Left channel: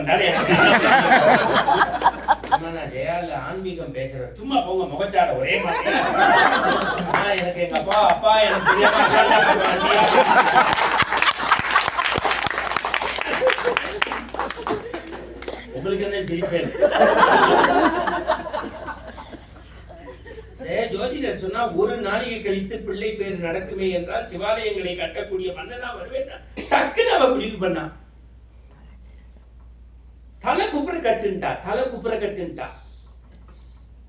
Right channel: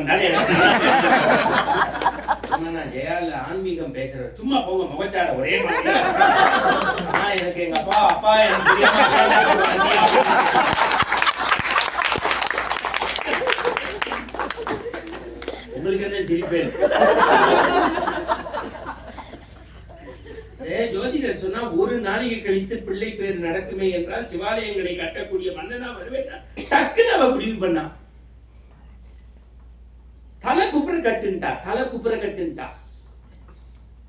வந்தாரு. நான் ஜெயால ஆன்மீகம் பேசுறேன், சும்மா போங்க முகச்சார ஒரே மாதிரி. எனக்கு எங்க அப்பா எனக்கு தெரியாம உங்களுக்கு என்ன சிரிப்பேன்? ஜோதிடர் சொன்னா ஒரு நாளிகை கழித்து பிள்ளை பேர் நடக்குமே என்றால் சிவாலயங்களை கட்டக்கூடிய மன்னனா வருவேன். டக்குன்னு அவ முடிவு பண்ணா, தலை குப்புற கட்டுன்ட்டா.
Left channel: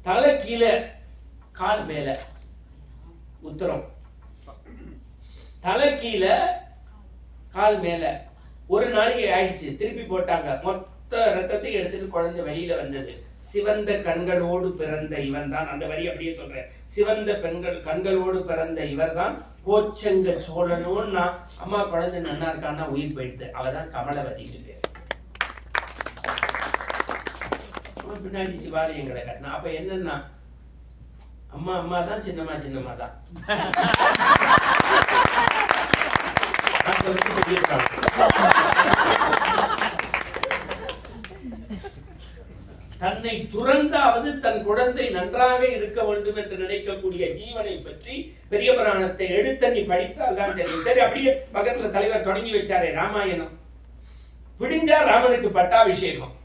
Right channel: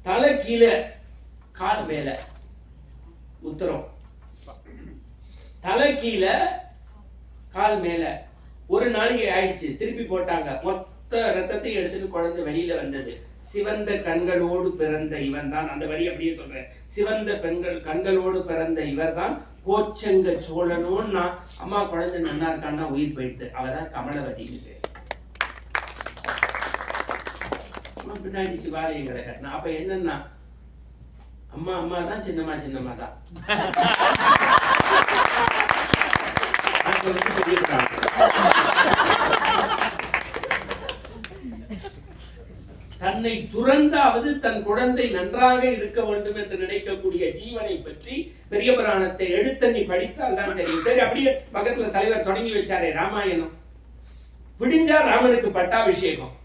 தலை கீழே கால் மேல உத்தரம், தலை கீழே கால் மேல. ஒரு நாளிகை ஆயிடுச்சு, திருப்பி போட்டாங்க. மொத்த ரத்தத்தை எடுத்துட்டு குழந்தை வெளியில வந்தது. சிவந்த கண்களோடு பிறந்த இவன் தான், அந்த வரி அப்படியே சொல்றேன், சிவந்த கண்களோடு பிறந்த இவர் தான் கோச்செங்க சோழனோன்னா. அம்மா குழந்தை நன்னா இருக்கான்னா உயிர் போயிடுது. அவதான் கமலவதிக்கு பேர். பின்னாடி சிவாலயங்களை கட்டினா. அப்ப என்னன்னா, அம்மா தான், சின்னம்மா தான். தன்னை துறந்தாவது தன் குழந்தை நன்றாக இருக்க வேண்டும் என்று நினைக்கக்கூடிய ஜீவனை பற்றி பெரிய புராணத்தை எடுத்தண்ணி படித்தால் தான் தெரியும். சரி, அப்படியே பக்கத்துல தலைவர் தொடங்கி வச்சாரே ராமாயணம். பிடிஞ்சா ராமனுக்கு பட்டாபிஷேகம்.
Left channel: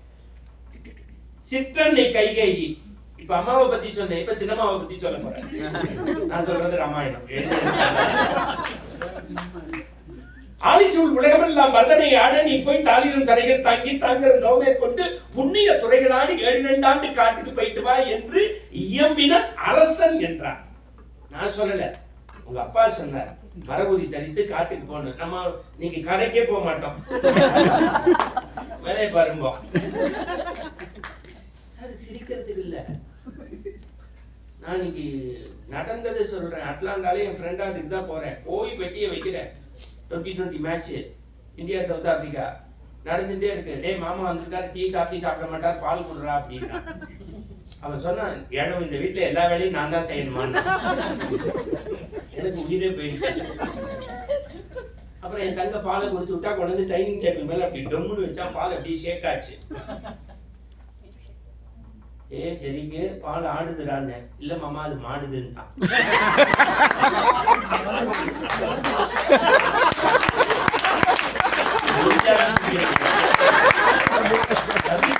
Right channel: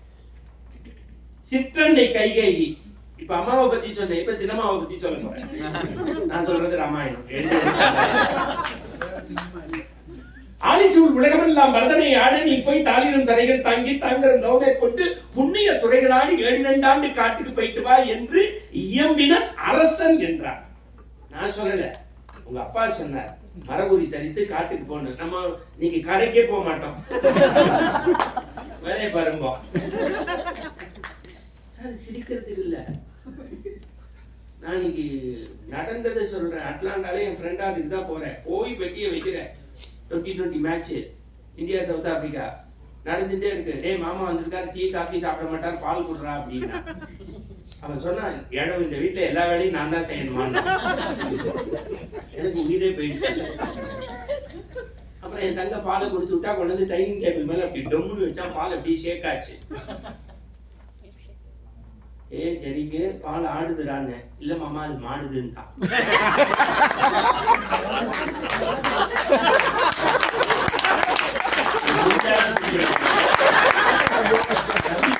சிற்றன்னை கைகேயி. இப்ப அம்மாவை பத்தி சொன்னேன், இப்ப சின்னம்மாவை பத்தி சொல்ல போறேன். நான் சொல்றது ராமாயணம். ஆலிசூழ் உலகமெல்லாம் வரதனை ஆட நீ போய் தாளிரும் தரைகள் தாங்கி தாங்கரும் நோமே கொண்டு புண்ணிய துறைகளாடி 7 ஆண்டு காட்டுக்கு போயிட்டு வா என்று இயம்பினன் அரசன் என்றார். நான் சொல்லல, உங்க அப்பா சொன்னார். மரபுரி தரித்து காட்டுக்கு போகணும். நம்ம நீங்க கடைக்கே போக மாட்டோம், வேலையை பாருங்க. சிரிக்கிறதுக்கு இல்ல, நான் இன்னைக்கு நடந்ததை சொல்றேன். அட்லாண்டாலே என் ஃப்ரெண்டா அதுக்கு தான் போறேன். போய் பெட்டியை வைக்கிறேன். 2020 மேட்ச் இந்தியா சவுத் ஆப்பிரிக்கா நடந்துட்டே இருக்கு. டேய் மாமா வந்திருக்காரு, டீ காஃபி சாப்பிட மாட்டார், பால் குடுறா அப்படின்னா. அவன் சொன்னான், ஏழோ இந்த வீட்டுல எல்லா வேலையும் நான் தான் செய்யணுமா. எனக்கு உயிரே போயிடுச்சு. அப்புறம் என் தங்க பாலை கொடுத்து விட்டா கொண்டு வந்து டைனிங் டேபிள் மேல அப்படி டொம்முன்னு வச்சா பால் அப்படியே ஷேக் ஆச்சு. சரிங்க பால் ஆடுதுறான்னு. இல்ல மாமா அது மாடுதுன்ட்டான்.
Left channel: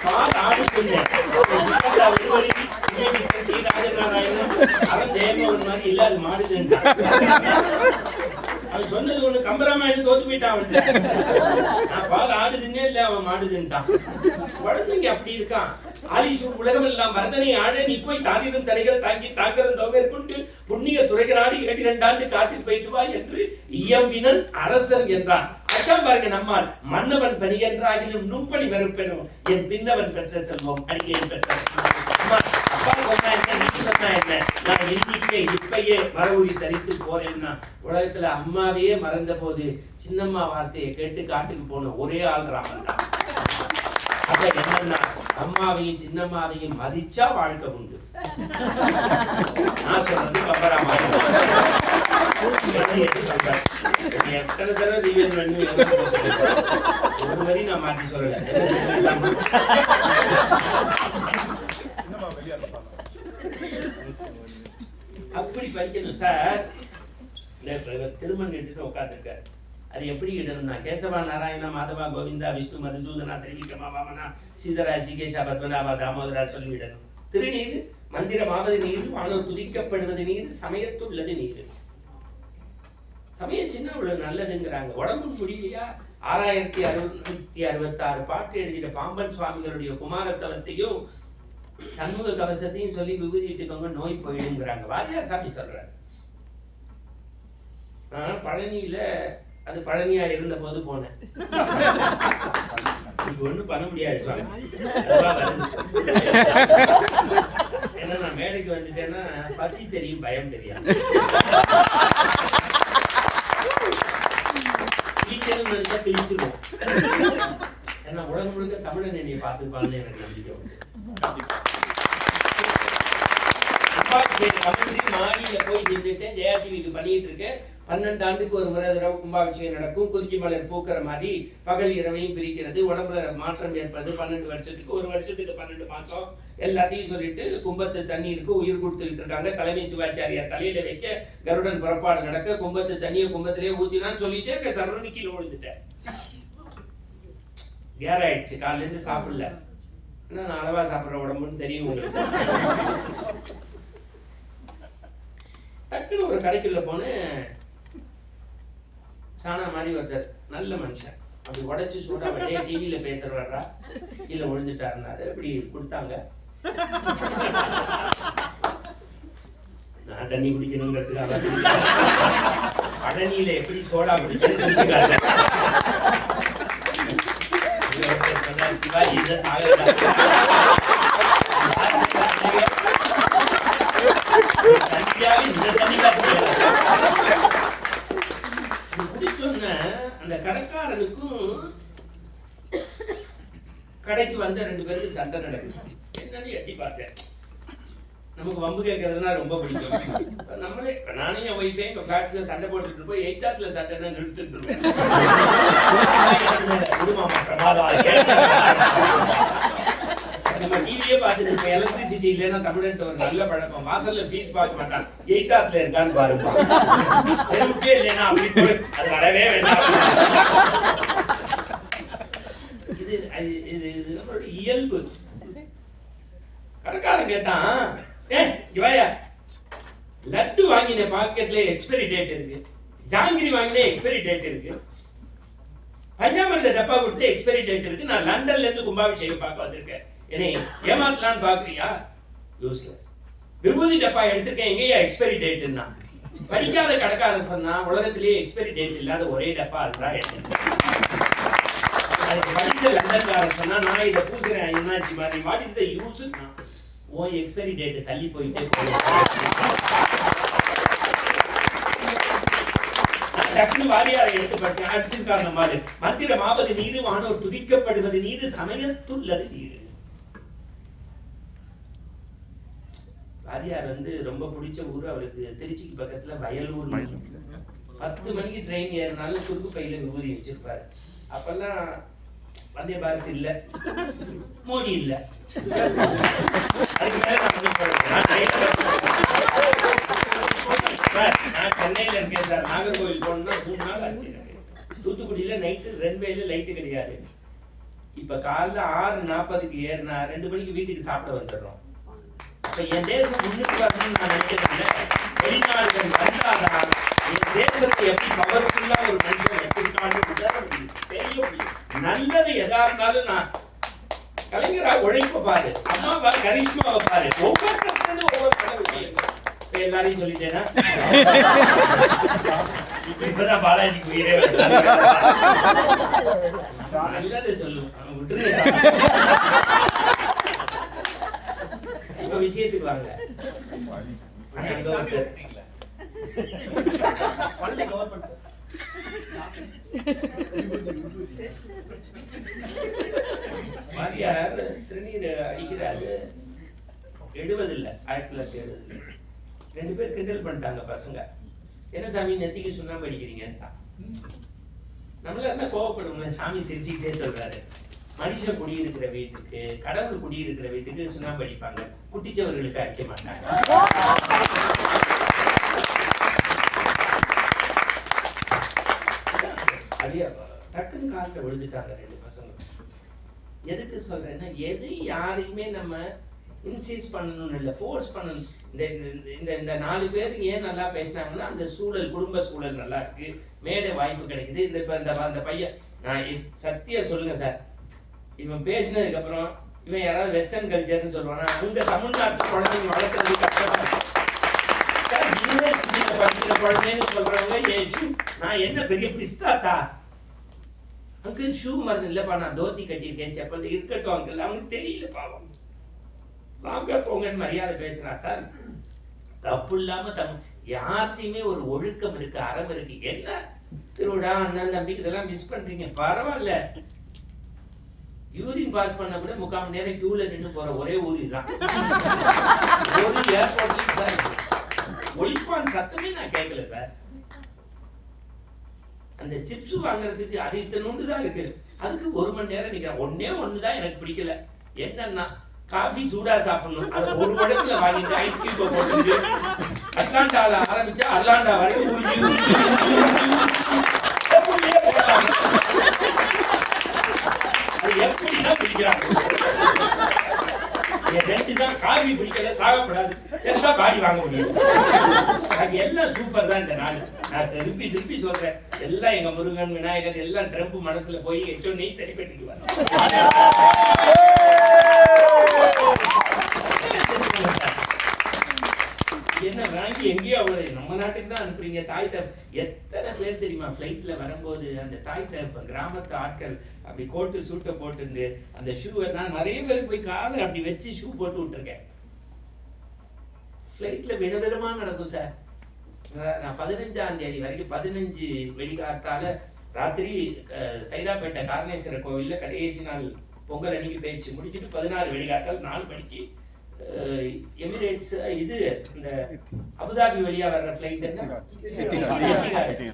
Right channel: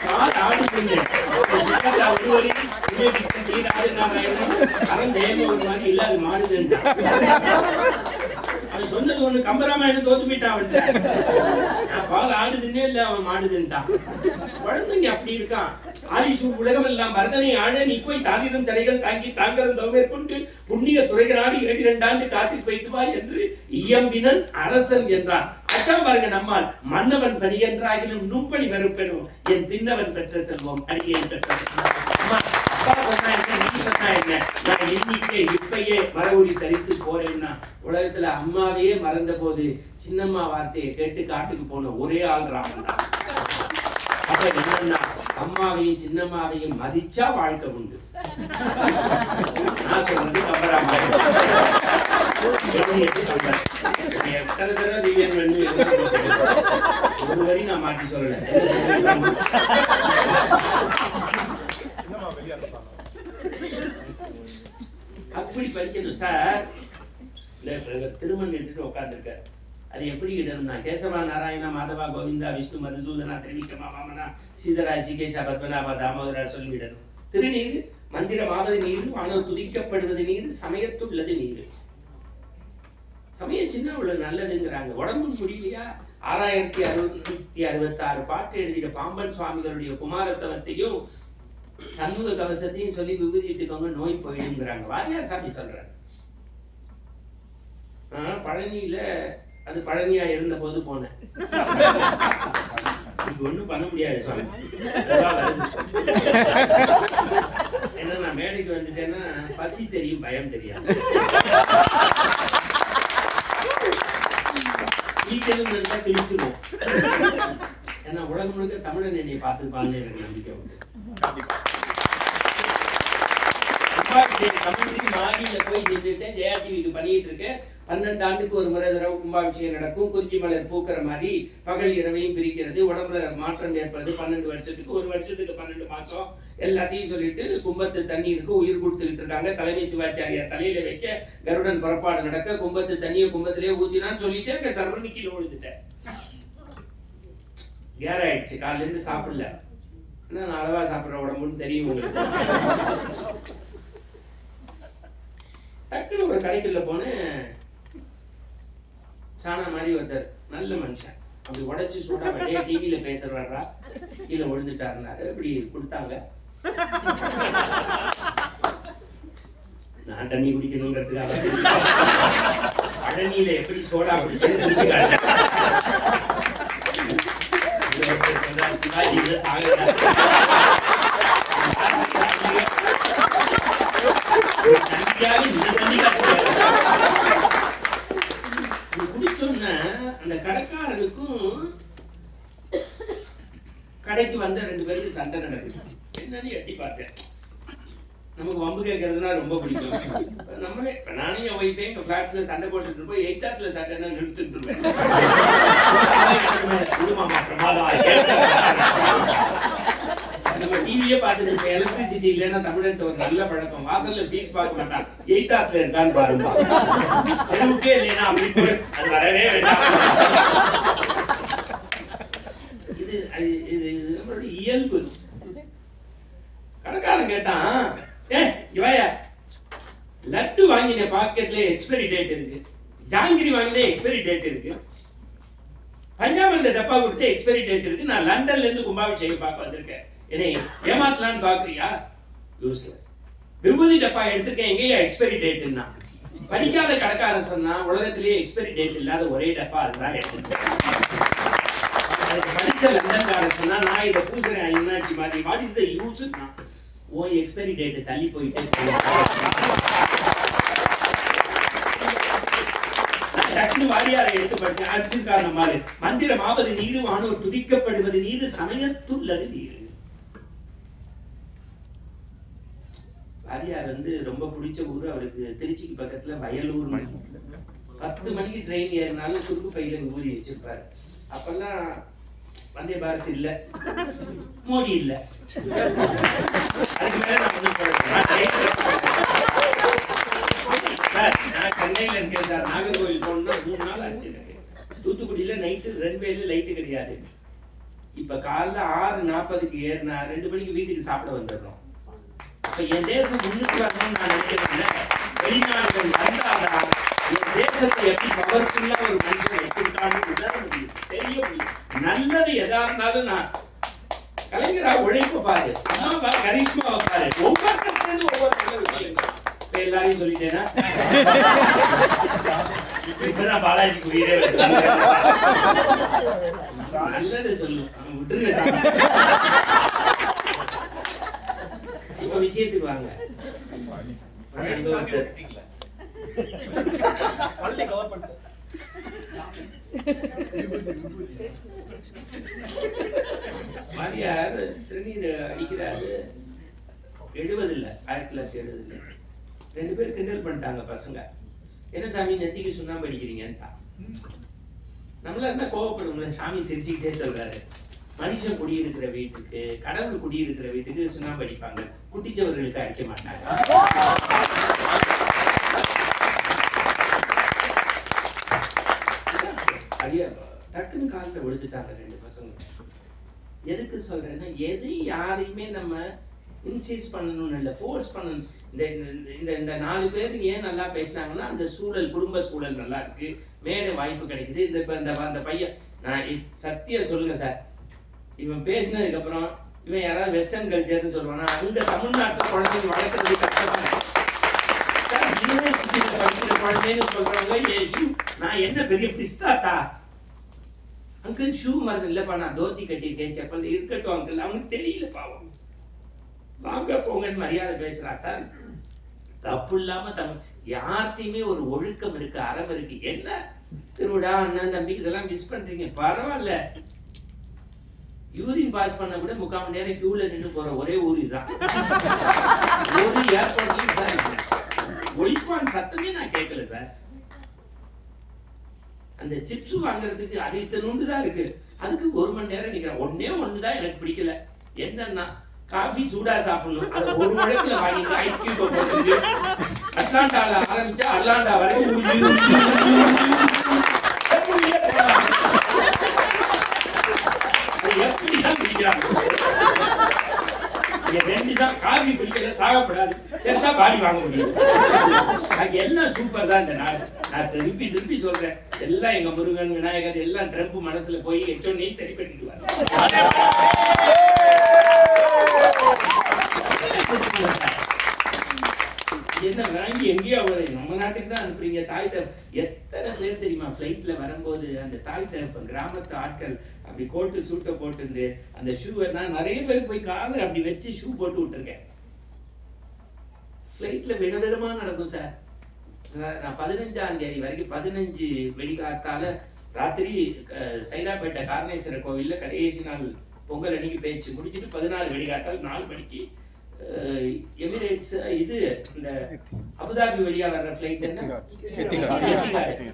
பால் ஆடுதுங்க ஒரு மாதிரி இல்ல அது மாடுதுன்ட்டான். அவன் சொன்னது ஒண்ணு, கம்பராமாயணம் தோத்து போயிட்டான். அவன் நான் பால் ஆடுதுன்னே இல்ல அவன் மாடுதுன்ட்டான். குழந்தைங்க அப்படி இருக்கான். ஆலிசூழ் உலகம் எல்லாம் வரதனை ஆட நீ போய் தாளிரும் தரைகள் தாங்கி தாங்கரும் தோமேற்கொண்டு புண்ணிய துறைகளாடி 7 ஆண்டு காட்டில் போயிட்டு வா என்று இயம்பினன் அரசன் என்றான். அச்சம் பாருங்க, நம்மால் மன்னவன் பணி என்றாகிலும் நுண்பணி வெறுப்பெனும் என் பின்னவன் பெற்ற செல்வம் அடிக்கேன் பெற்ற. அப்பா சொன்னா என்ன, நீ சொன்னா என்ன, நான் எண்ணிக்கை இப்பயே மரபுரி தரித்து போறேன்னா. உலகத்துல அம்மாவையே மறந்த போது சின்னம்மா வார்த்தையை கேட்டு காட்டுக்கு போன ஒரே ஆள் ராமன் தான். அப்ப என்னன்னா, அம்மாவையும் சின்னம்மாவையும் மதிச்சா வாழ்க்கை உண்டு. நான் சொல்றது கம்பராமாயணம். எத்தனை தடவை திவ்யன் வந்து ஒரு வரி நான் மாற்றி சொல்லல. அப்படி படிக்கணும் சார். திருமணம் எடுத்துட்டு உட்காந்துருக்காரு. அது எப்படி இடணும்னா, கேசவா நாராயணா மாதவா கோவிந்தா விஷ்ணு மதுசூதனா திரிவிக்ரமா வாமனா சீதரா சிகேஷா பத்மநாபா தாமோதரா சொல்லிவிடணும். திருநீர் மந்திரமாவது நீர், வானோர் துதிக்கப்படுவது நீர், சமயத்துள்ளது நீர். சமயம் சின்ன அவ்வளவு நல்லதுங்கிறாங்க. உடம்பு முடியலையா? 6666 பாட்டு எழுதின பாம்பன் சுவாமிகளுடைய குமாரத்தவத்தையும் சண்முக கவசத்தையும் சொல்லி விபூதிட்டுக்கோங்க, நோய் போயிடுங்கிறாங்க. வாரியார் சாமி சொல்றாரு. பழனியில, அது பழனியா இருந்த போது போனேன். ஒண்ணும் பண்ண முடியாது சுவாமி, ஏன்னா நான் மேடைக்கு வந்துட்டேன்னா பசி தெரியும், பயம் தெரியாது. கிழிக்கணும்னு நினைச்சா கிழிச்சிருவோம். ஏன்னா உலகம் முழுக்க தமிழன் என்னை பார்த்துப்பான்னு எனக்கு நம்பிக்கை உண்டு. மாடியில போய் நின்றுட்டேன். ஜெயா டிவிக்கு பண்ணிட்டு இருக்கேன். 12 ஆண்டுக்கு ஒரு முறை தடவை கும்பாபிஷேகம் நடக்கும். குறிஞ்சி மலர் பூக்கிற மாதிரி பகல் இரவையும் பிரிக்கிறது, உடம்புல மாற்றம் ஏற்படுது. 12 வருஷத்துக்கு, ஒரு வருஷத்துக்கு 12 மாசம் எல்லாத்தையும் சொல்லிட்டு கும்பத்து தண்ணீருக்கு உயிர் கொடுத்துக்கிட்டு இருக்காங்க. தலைமை சிவாச்சாரியார் தலையில வைக்க கருடன் புறப்பாடு நடக்க கும்பத்து தண்ணியை கும்பத்திலே ஊத்தினான்னு சொல்லிட்டு தவறு கீழே விழுந்துட்டேன். கேர் ஆயிடுச்சு. காலையில இருந்து சாப்பிடல. நான் அளவா சாப்பிட்ற உடம்புன்னு தெரியும் உங்களுக்கு. டக்குன்னு ஒரு கடைக்குள்ள போனேன். சாணா மாதிரி ஒருத்தர், நல்ல மனுஷன், அப்படி உடைச்சு சூடா வட்டியே டிவியில பேசுறவர்றா, கீழே விழுந்துட்டாருனாரு. அப்படி கொடுத்தாங்க. நான் தண்ணி குடிக்கணுங்கிறதுக்காக பழனியில எப்படி சோடா குடிச்சு சிவாஜி குடிச்சோன்ன அந்த கடைக்காரனுக்கும் கடைக்கு வந்த 2 பேருக்கு சண்டை நடக்குது. என்னன்னு எட்டி பார்த்தேன். நமக்கு வம்பு கேட்கறதுனா ரொம்ப பிடிக்கும். நம்மளே நானே என் ஒய்ஃபே எங்க ஃபிளாட்ஸ்ல சண்டை போட்டுட்டு இருப்போம். 8th சண்டைன்னா நிறுத்திட்டு இருப்பேன். நம்ம டிவியே பார்த்துட்டு இருப்போம். எலக்ட்ரிசிட்டி இல்லைன்னா தமிழன் ஒரு நல்ல பழக்கம். வாசல்ல ஃபீஸ் பார்க்க மாட்டான். 8th இருக்கான்னு பாருங்க. எனக்கே இல்லைன்னா அப்படி அது வரவே வேண்டாம். இது நம்மளுடைய இயல்பு. கடைக்காரன் கேட்டான், இவாயா லட்டு வாங்கின பாக்கெட்ல எக்ஸ்பைரி டேட் இருக்கு, ஜாங்கிரி வாங்கின எக்ஸ்பைரி டேட் இருக்கு, பஞ்சாமிர்த டப்பா கொடுத்து எக்ஸ்பைரி டேட் இருக்கு, நான் லண்டன்ல இருந்து கும்பாபிஷேகம் பார்க்க வந்திருக்கேன், என்னை ஏமாத்தலான்னு பாக்குறியா? யூஸ்லெஸ். விபூதி டப்பா எடுத்திருக்கேன், எங்கேயா எக்ஸ்பைரி டேட்னா? படிக்காத கடைக்காரன் சொன்னா உலகத்திலேயே எக்ஸ்பைரி டேட் இல்லாத ஒரே டப்பா அதுதான் எடுத்திருக்கேன். படிச்ச லண்டன்காரன் சொன்னா நான் இதை பூசுறேன் என்னாச்சு மாதிரி. What is the use? ஓ எக்ஸ்பைரி டேட் தள்ளி போயிட்டே டக்குனு வாரியாரை எடுத்து படிச்சேன். அடிச்சிருக்காங்க மாதிரி மந்திரமாவது நீரு, வானோர் துதிக்கப்படுவது நீரு, சமயத்துள்ளது நீரு. வாரியார் ரொம்ப பிடிச்ச ஊர் அவருக்கு. திருச்சிக்கு பக்கத்துல வயலூர். 10 மணிக்கு ட்ரெயின் ஏறினாலும் சுருக்கு பையில விபூதி வச்சிருப்பாரு. அப்பெல்லாம் வந்தே பாரத் இல்ல, மோடி இல்ல. அதுக்கு மேல நான் சென்னையில இருக்கேன் சார். நாகர்கோவில் போனோம்னா 3 நாள் ஆச்சு எனக்கு. தூத்துக்குடியில நைட்டு ரன்வேல லைட்டு கிடையாது. இப்ப காலைல 6:40க்கு ஏறினா 2 மணிக்கு வீட்டுக்கு சாப்பிட வந்துடுறோம். அப்ப என் தேசம் முன்னுக்கு வரணும்னு நான் நினைக்கிறேன். வெளிநாடுகள் வந்தாதான் என் தேசத்தை எப்படி பவர்ஃபுல்லா ஒரு மனுஷன் எப்படி தெரிய முடியும். நல்லது எதா இருந்தாலும் நான் கலைஞரா உழைப்ப பாரு, அம்மா கரிஷ்மாவை பாரு, ஒவ்வொரு எல்லாரையும் சொல்லிட்டேன்னா இப்பதான் பாலாஜிக்கு உயிரே நல்லது சொல்லு. இப்ப விஷயத்துக்கு வாங்க. மாரியார் திருநீர் அடிக்கிறாரு. 70 இல்ல, 1970. 2 பேர் கிண்டல் பண்ணிட்டாங்க பசங்க. என்ன சாமி நெத்திக்கு சுண்ணாம்பு அடிக்கிறீங்கன்னு. நம்மள என்ன கோவப்படுவோம்ல, சாமி சிரிச்சுக்கிட்டே சொல்றாரு. மனுஷன் குடியிருக்கிற வீட்டுக்கு, கடவுள் குடியிருக்கிற வீட்டுக்கு சுண்ணாம்பு அடிப்பாங்க, குட்டிச்சவர்களுக்கு அடிக்க மாட்டாங்க. டக்குன்னு காலில் விழுந்துட்டாங்க 2 பசங்க. எதுக்கு சொல்றேன்னா, எது யாரையுமே நம்ம இன்சிஸ்ட் பண்ணணும்னு இல்லை, ஃபோர்ஸ் பண்ணணும். இந்த 4 பேர் ஏன் நல்லா பேசினாங்கன்னா, அந்த சூழல், குடும்ப சூழல் நல்லா இருக்கு, மேடை வாய்ப்பு கிடைக்குது. இந்த பையன், நான் சத்தியம் சொல்லுங்க சார், இவன் பேசினதுக்கு அப்புறம் இவன் யாராவது வெஸ்டர்ன் கல்ச்சர்னு சொல்லுவானா? அங்க தமிழ்நாட்டு குழந்தைங்க வளர்க்கறது கஷ்டப்படும். யூனிவர்சிட்டியில படிக்கிற குழந்தைன்னு சொல்றவங்க நான் என்ன பெரிய பிஸ்தாட்டா? அங்கிள் ஷூ மருந்து இல்லப்பா, நான் தோத்தி கட்டியிருக்கேன், செப்பல் இருக்கட்டும் அங்கிள், அவனுக்கு தெரியல பாவம். வாங்க போங்கன்னு மரியாதை பேசுறான் சார். தப்பு இல்லாம யார்த்தையுமே ஒரு ஒழுக்கம் இருக்கு, அறம் இருக்கு. என்ன திருவிழா, அண்ணன் தம்பிக்கு இதெல்லாம் மிஸ் பண்றீங்க, பரவாயில்ல. யூரின் பாஸ் பண்ண கூட 3/4 மணி நேரம் கியூல நின்று போற ஒரே ஊர் இதுதான். ஒரு ஏர்போர்ட்லயும் சார் ஒலிப்பான் சத்தமே நான் கேட்கல சார். அந்த சிப்ஸ் வாங்குறதுக்கு அது இத்தனோண்டு தான் இருக்கு. அதுக்கு 1 மணி நேரம் நிற்கிறேன். ஒன்று தான் எனக்கு பிடிக்கல. என்னன்னா காஃபி சூடா சாப்பிடணும். அதை ஒரு வழக்குல வாங்கிட்டு ஐஸ்கிரீம் போட்டு அட்லாண்டால ஆரம்பிச்சா அட்லாண்டா வரைக்கும் எப்படிதான் பிடிக்கிறாங்க. 2 தான் காஃபி பிடிக்கல, சாகப்படாது, செத்தா பாடி வாங்க முடியும். எல்லாம் சூப்பர் தான் இந்த நாடு. நான் திருப்பி சொல்றேன், எல்லாம் எங்க முருகன் விநாயகர் எல்லாம் ட்ரம்ப் மனசுல போய் எச்சொன்னே சரி பண்ணிட்டு வர. என்ன வாங்கி எங்கேயோ நம்ம நாட்டுக்கு தான் அனுப்புறீங்க. தாய் எத்தனை பேர் தெரியுமா ஃப்ளைட்ல வரும்போது அந்த தாய் தகப்பன் கிராமத்து ஆட்கள் அப்படி கோட்டு சூட்டை போட்டு அந்த ஷூவை நான் நிறைய பேருக்கு போய் காலை அப்படி வச்சு ஷூ போட்டு விட்டுருக்கேன். ஃப்ளைட்ல விதவிதமா நடக்கும் சார். நான் 15ஆம் தேதி வரைக்கும் 15 வெடிகாத்தால ராத்திரி சைதாப்பேட்டை காரணேஸ்வரர் கோவில்ல கடைசி நாள் பொங்கல் அன்னைக்கு பேச்சு முடிச்சுட்டு 16 வெடிகாத்தால் 4 மணிக்கு எமிரேட்ஸ் இது இந்த அபுதாபி வழியா வர்ற ஃப்ளைட் என்ன எத்திகாடு.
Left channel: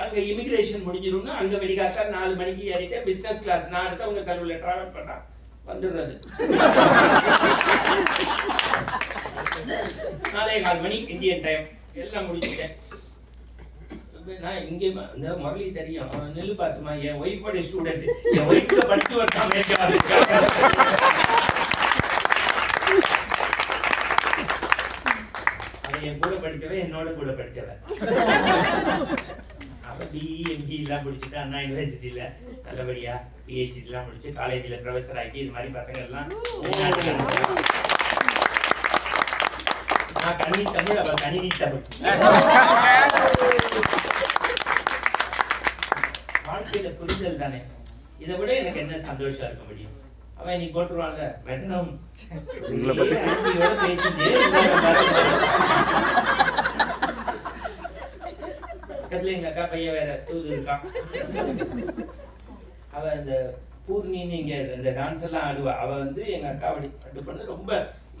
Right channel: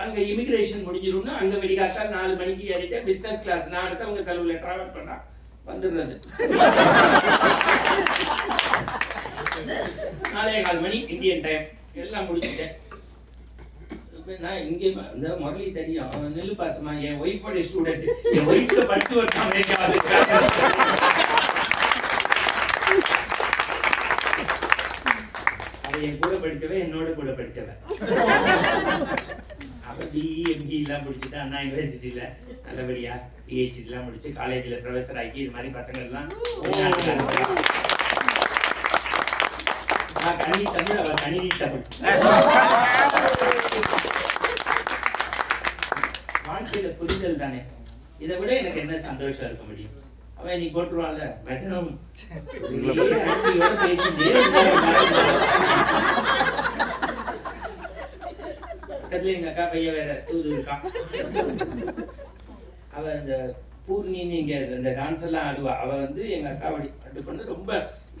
அங்க இமிகிரேஷன் முடிஞ்சிரும்னா அங்க வெடிகாத்தால் 4 மணிக்கு ஏறிட்டு பிசினஸ் கிளாஸ் நான் அடுத்தவங்க செலவுல டிராவல் பண்ணா வந்துடுறது. 4:15 மணி இந்தியன் டைம் எல்லாம் முடிச்சுட்டேன். நான் இங்கே இந்த முரளி தெரியும், நெல்லு பாசமா என் ஒய்ஃபோட ஸ்டூடெண்ட், என் ஒய்ஃப்ல படிச்சு ஒரு அமெரிக்கா என் கூட படிச்சவன் என்னோட கூட படிச்சவன். அவன் பிஇ எம்இ எல்லாம் முடிச்சுட்டு அண்ணா யூனிவர்சிட்டியில நல்லபடியா பிஹெச்டி எல்லாம் முடிச்சு காலேஜில் ப்ரொஃபஸர் ஆக்கி இது மாதிரி பசங்க எல்லாம் நான் கணினி தமிழ், அவன் கணினி தமிழ். வாழ்க்கையில புரிதல் தானே. இதை விட எனக்கு என்ன சந்தோஷம் இருக்க முடியும்? அவன் இன்னைக்கு போட்டுருவான்ல வெட்டணும் பேசிட்டு பக்கத்துல எங்க அக்கா பையன் வேற தூது இருக்கான். அவ இந்த பூர்ணின்னு இங்க இந்த டான்ஸ் எல்லாம் ஆடுவா. அவ வந்து எங்க அக்கா அப்படி பண்ணு ரொம்ப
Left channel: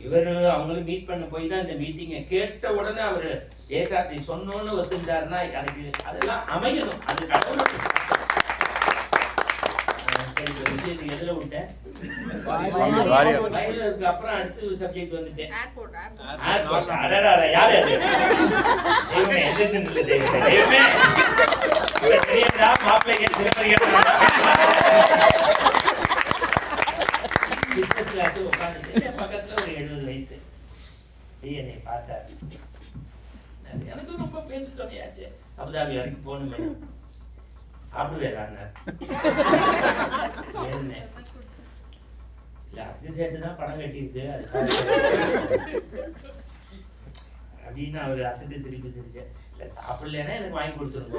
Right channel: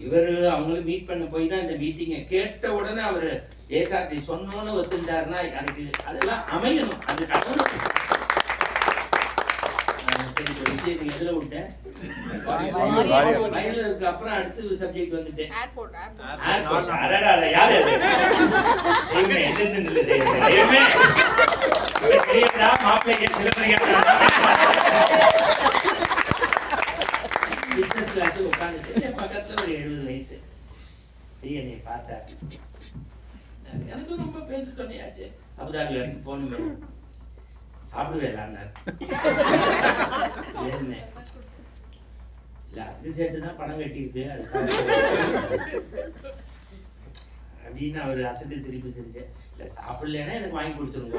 இவரு அவங்களும் மீட் பண்ண போய் தான் இந்த மீட்டிங்கை கேட்ட உடனே அவரு ஏசாத்தி சொன்னோன்னு ஒத்துட்டாருன்னா எனக்கு அதெல்லாம் அமையணும். அது கடவுள். சரி ஒரு விஷயத்துக்கு எதுல விட்டேன்? வயலுக்கு அப்புறம் அடுத்த சப்ஜெக்ட் வந்துட்டேன். யாரு அது? தெய்வமே எதிர்ந்து நில்லு தெய்வமே. தெய்வமே தெரியாதா மாப்பிள்ளை பிசினஸ் கிளாஸ் உட்காந்துட்டு பக்கத்துல ஒரு 70 வயசு என்னை பார்த்தார். எனக்கு ரொம்ப பேச்சு தொண்டையாச்சு. அபுதாபி வரைக்கும் போகணுமே, சாப்பிடுவேன் என்ன இல்ல அதுக்கு சேர்த்துதான் பணம் கட்டியிருக்கு அப்படின்னு அவர் அசட்டு திருப்பி சிரிச்சேன். இல்ல சாப்பிடலன்னா எனக்கு வாங்கி கொடுத்துருங்க.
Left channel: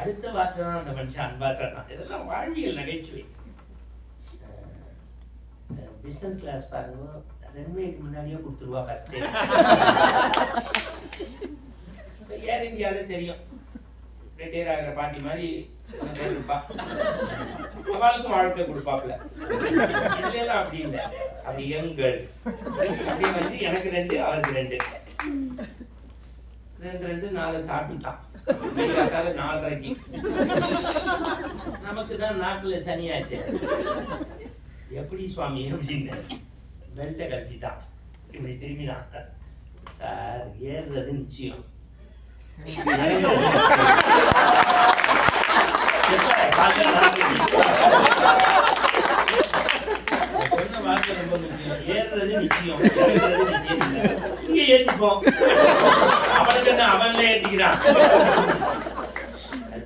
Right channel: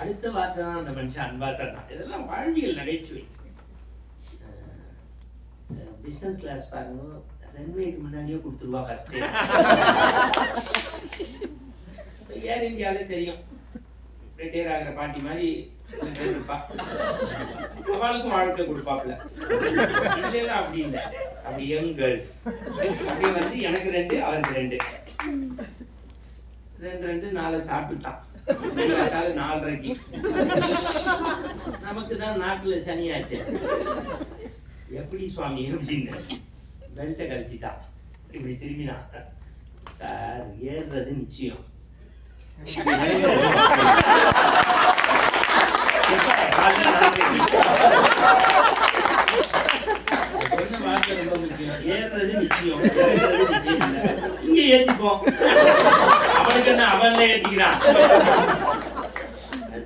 அடுத்த வார்த்தை தான் அந்த மனுஷன் அன்பா சொன்னான். இதெல்லாம் வாழ்வியல் நகைச்சுவை. பிசினஸ் கிளாஸ் பாருங்க, ரன்வேக்கு முன்னாடியே கொடுத்துருவா ஃபர்ஸ்ட். ஏர் இந்தியாவிலே தெரியும், ரிட்டையர் ஆகிற பாட்டி மாதிரி சில பேர் இருப்பா. அவளுக்கும் வாழ்க்கை கொடுப்பாப்புல. இதுல எல்லாம் அப்படி இல்லை. அப்படி யங் கேர்ள்ஸ் அப்படியே வந்து எனக்கு 2 அவருக்கு 2 4 சாப்பிட்டுட்டான். 4:30க்கு நமக்கு தான் நாக்குல சனியாச்சு. எப்படி சுவாமி அப்படின்னு பெல்ட்டை கழட்டிட்டான். இப்படி திரும்பினான். சார் ஏறுறது நிச்சயம். சொன்ன வார்த்தை ரொம்ப முக்கியம். ஏறுறது நிச்சயம், ஏறுறது நிச்சயம். இங்க ஏத்திப்போம். அவனுக்கு என்ன அவன்ல ஏத்திக்கிறான்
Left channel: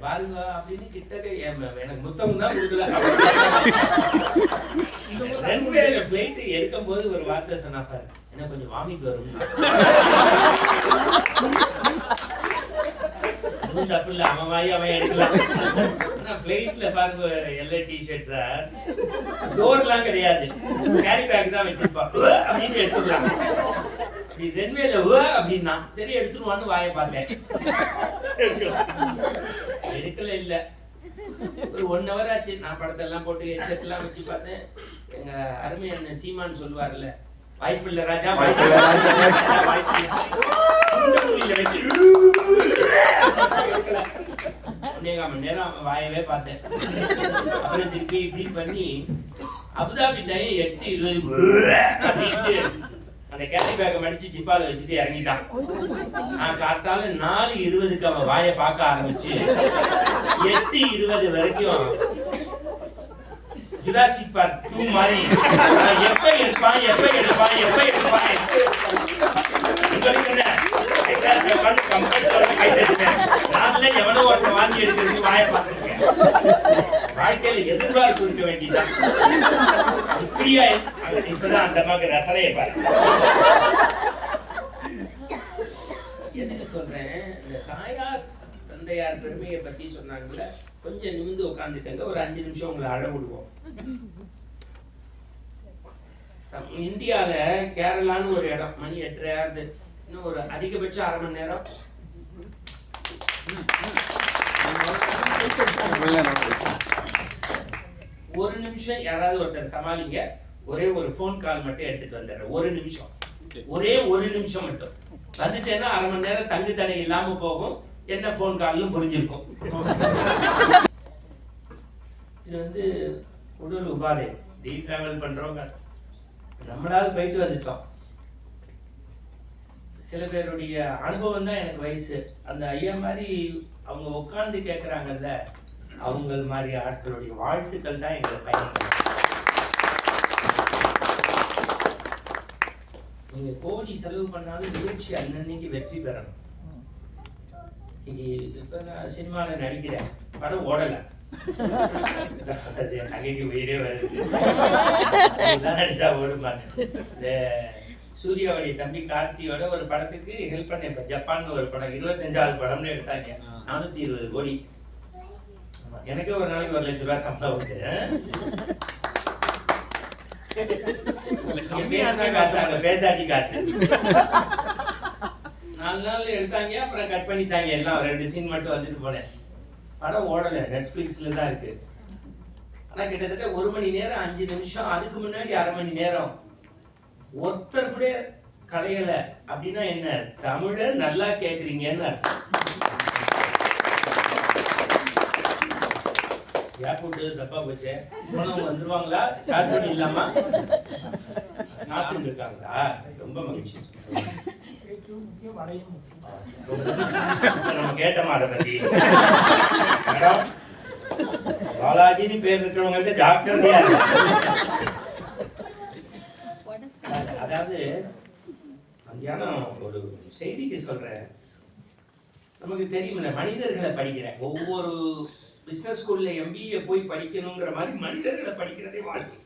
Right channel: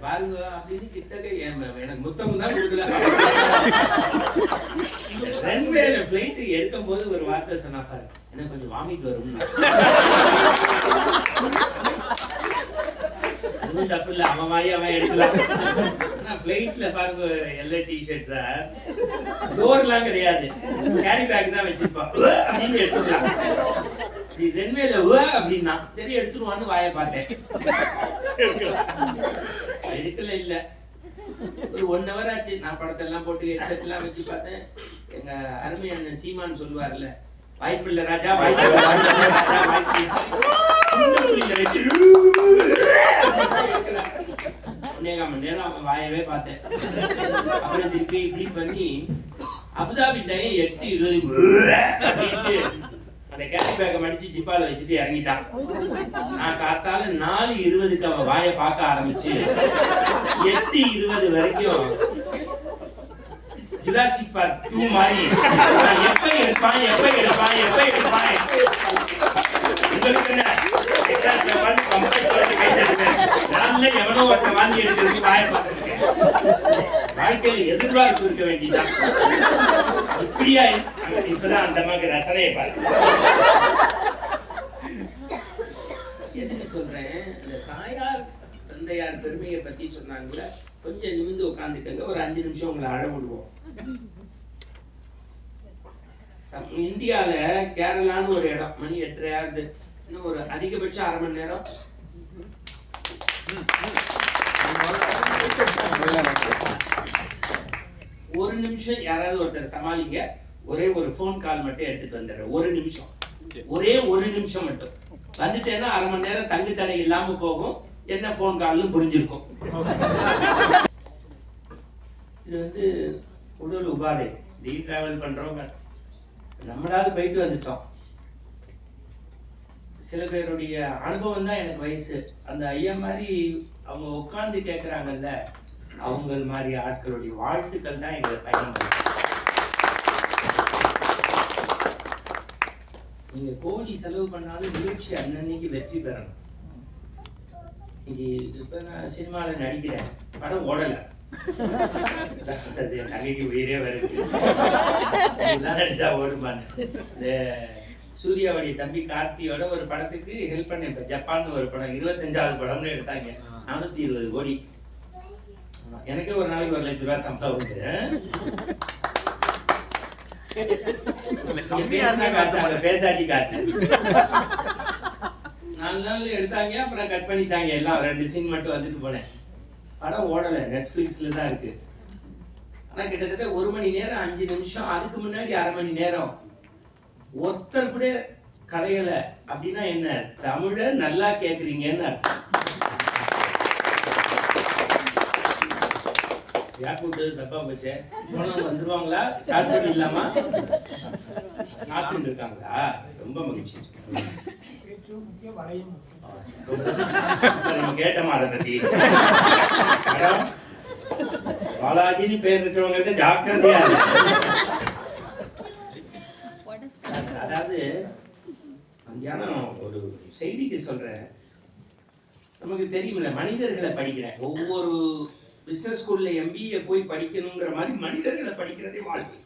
பாருங்க அப்படின்னு கிட்டக்க எனக்கு புத்தகம் தான் கொடுக்கல. ரன்வேல ஃபிளைட் எடுக்கும் போது ஒரு வார்த்தை சொன்னா பாரு, எனக்கு கொஞ்சம் வாமிட் வரும். அதுவும் தப்பு இல்லை, அவன் வாயி அவன் எடுக்கலாம். ஆனா ஃபிளைட்ல பாருங்க எல்லா டிஷர்ட் சார் டோர்லாம் கிடையாது, கேரி பேக் தான் வச்சிருப்பான். அப்படின்னு எடுத்துக்கலாம். அப்படி ரன்வேல அப்படின்னா சரி எடுத்துருவான்னு வாயை பார்த்தேன். எடுக்கல இல்ல. ஒரு 1 hour ஆச்சு. நான் படத்தெல்லாம் போட்டு ஹெட்செட் எல்லாம் வச்சு பார்த்தேன். எங்க அருமை அண்ணன் சீமான் சொல்லுவார்ல, வாய்ப்பில்லை ராஜா, வாய்ப்பில்லை ராஜா, வாய்ப்பில்லை வச்சு 1.25 மணி நேரம் அவன் வாயவே பார்த்தேன். அப்புறம் திருப்பி இப்படி பண்ணி அபுதாபி டைம் 8:20 அந்த கேரி பேக்கை மடிச்சு ஜிப்பால வச்சுட்டு இறங்கிட்டான். நான் காத்தால 4:20 அவன் வாயை பார்க்க ஆரம்பிச்சு 8:20 வரைக்கும் ஜுராசிக் பார்க் 2 மாதிரி எப்ப எடுப்பான் உங்களுக்கு என்ன எவனோ ஒருத்தன் வாங்கி எடுக்கிறது வாயை பார்த்துருக்கேன். வாழ்க்கையில எதிர்பார்ப்பு இருக்க வேண்டியதான். இப்படியா இப்பதான் அந்த மாதிரி ரசனையை பாருங்க. எதுக்கு சொல்றேன், இந்த தாயார் தந்தையார் பெருமையை பத்தி சொன்னாங்கல்ல, கொஞ்சம் நிமிந்து உட்காந்துக்கங்க, ஒரு 5 நிமிஷம் உங்களை அழ விடுவோம். இந்தியால கேரளான்னு ஒரு இடம், மணி 8:30 ஆகுது, இன்னும் ஒரு அதிகபட்சம் 1/2 மணி நேரம். ஒரு நிமிஷம் யாராவது ஒருத்தர் சமாளிங்க, ஒரே ஒரு போன் கால் மட்டும் எடுத்துட்டு வந்துடுறேன். ஒரு நிமிஷம், ஒரே ஒரு நிமிஷம் மட்டும் வந்துட்டேன்னா 1/2 மணி நேரம் தங்கு தடை இல்லாம போகும். என்ன போன் கால்னு புரிஞ்சிருக்கும். இது வந்து உடல் உபாதை. டிராவல் பண்றவங்க நம்மளால போயிட்டு வந்துட்டோம். சில பேருடைய அனுபவம் தான் எனக்கு வயசு. அந்த ஐயா மாதிரி அவங்க உட்கார்ந்து கேட்கறாங்கல்ல, அவங்க மாதிரி ஆட்களுடைய வாழ்த்துக்கள் தான் எங்களை பயணம். நீங்க கோடி செலவு பண்ணாலும் நிகழ்ச்சி அன்னன்னைக்கு வெற்றி பெறணும். இன்னைக்கு இப்ப நான் சினிமால நடிக்கிறேன், படம் ஓடல, நகைக்கு உயிரே வருது, நடிச்சா ஓடுமான்னு. இந்த சூர்யாவுடைய தம்பி கார்த்தியோட ஒரு படத்துக்கு ஹெல்ப் பண்ணேன். இப்ப ஜப்பான் ஒரு படம் 25வது படம்னு எடுத்தாங்க, 420 கோடி. எனக்கே ஒரு நாளைக்கு 1 லட்ச ரூபாய் சம்பளம் உண்டு. பேசாட்டி காசு 4 நாள் எடுத்தாங்க, அப்புறம் கட் பண்ணிட்டாங்க. எல்லாம் 2 சீன் மட்டும் வந்துட்டு போனேன். படம் ஓடல, நெட்ஃபிளிக்ஸ்ல தான் இருக்கு. ஆனா கிட்டத்தட்ட 1 மணி நேரம் 5 நிமிஷம், அதுக்கு முன்னாடி 1/2 மணி நேரம் ஒருத்தர் கூட கலையல. அப்படின்னா என்ன, தமிழ நல்லா கேக்குறீங்கன்னு அர்த்தம். யாக்கூட்டு தப்பா போச்சே, போனவங்க வந்துருவாங்களா? சாப்பிட்டு இல்லாமா சாப்பிட்டு இருக்காங்களா? ரொம்ப மகிழ்ச்சி. நம்ம கேட்டோமா அதை பத்தி? பாலாஜின்னு பேர் இருக்கிறவங்க ஜாக்கிரதையா இருக்கு. அதாவது மத்தியானம் ஒரு செய்திக்கு சொல்றேன். நமக்கு தெரியுமில்ல, மனிதர்களை படிக்கிறேன். ஒவ்வொரு பிசினஸ் ஸ்கூல்ல MBA போய் படிக்கணுங்கிற மாதிரி மனிதர்களை படிக்கிறதே வாழ்க்கை.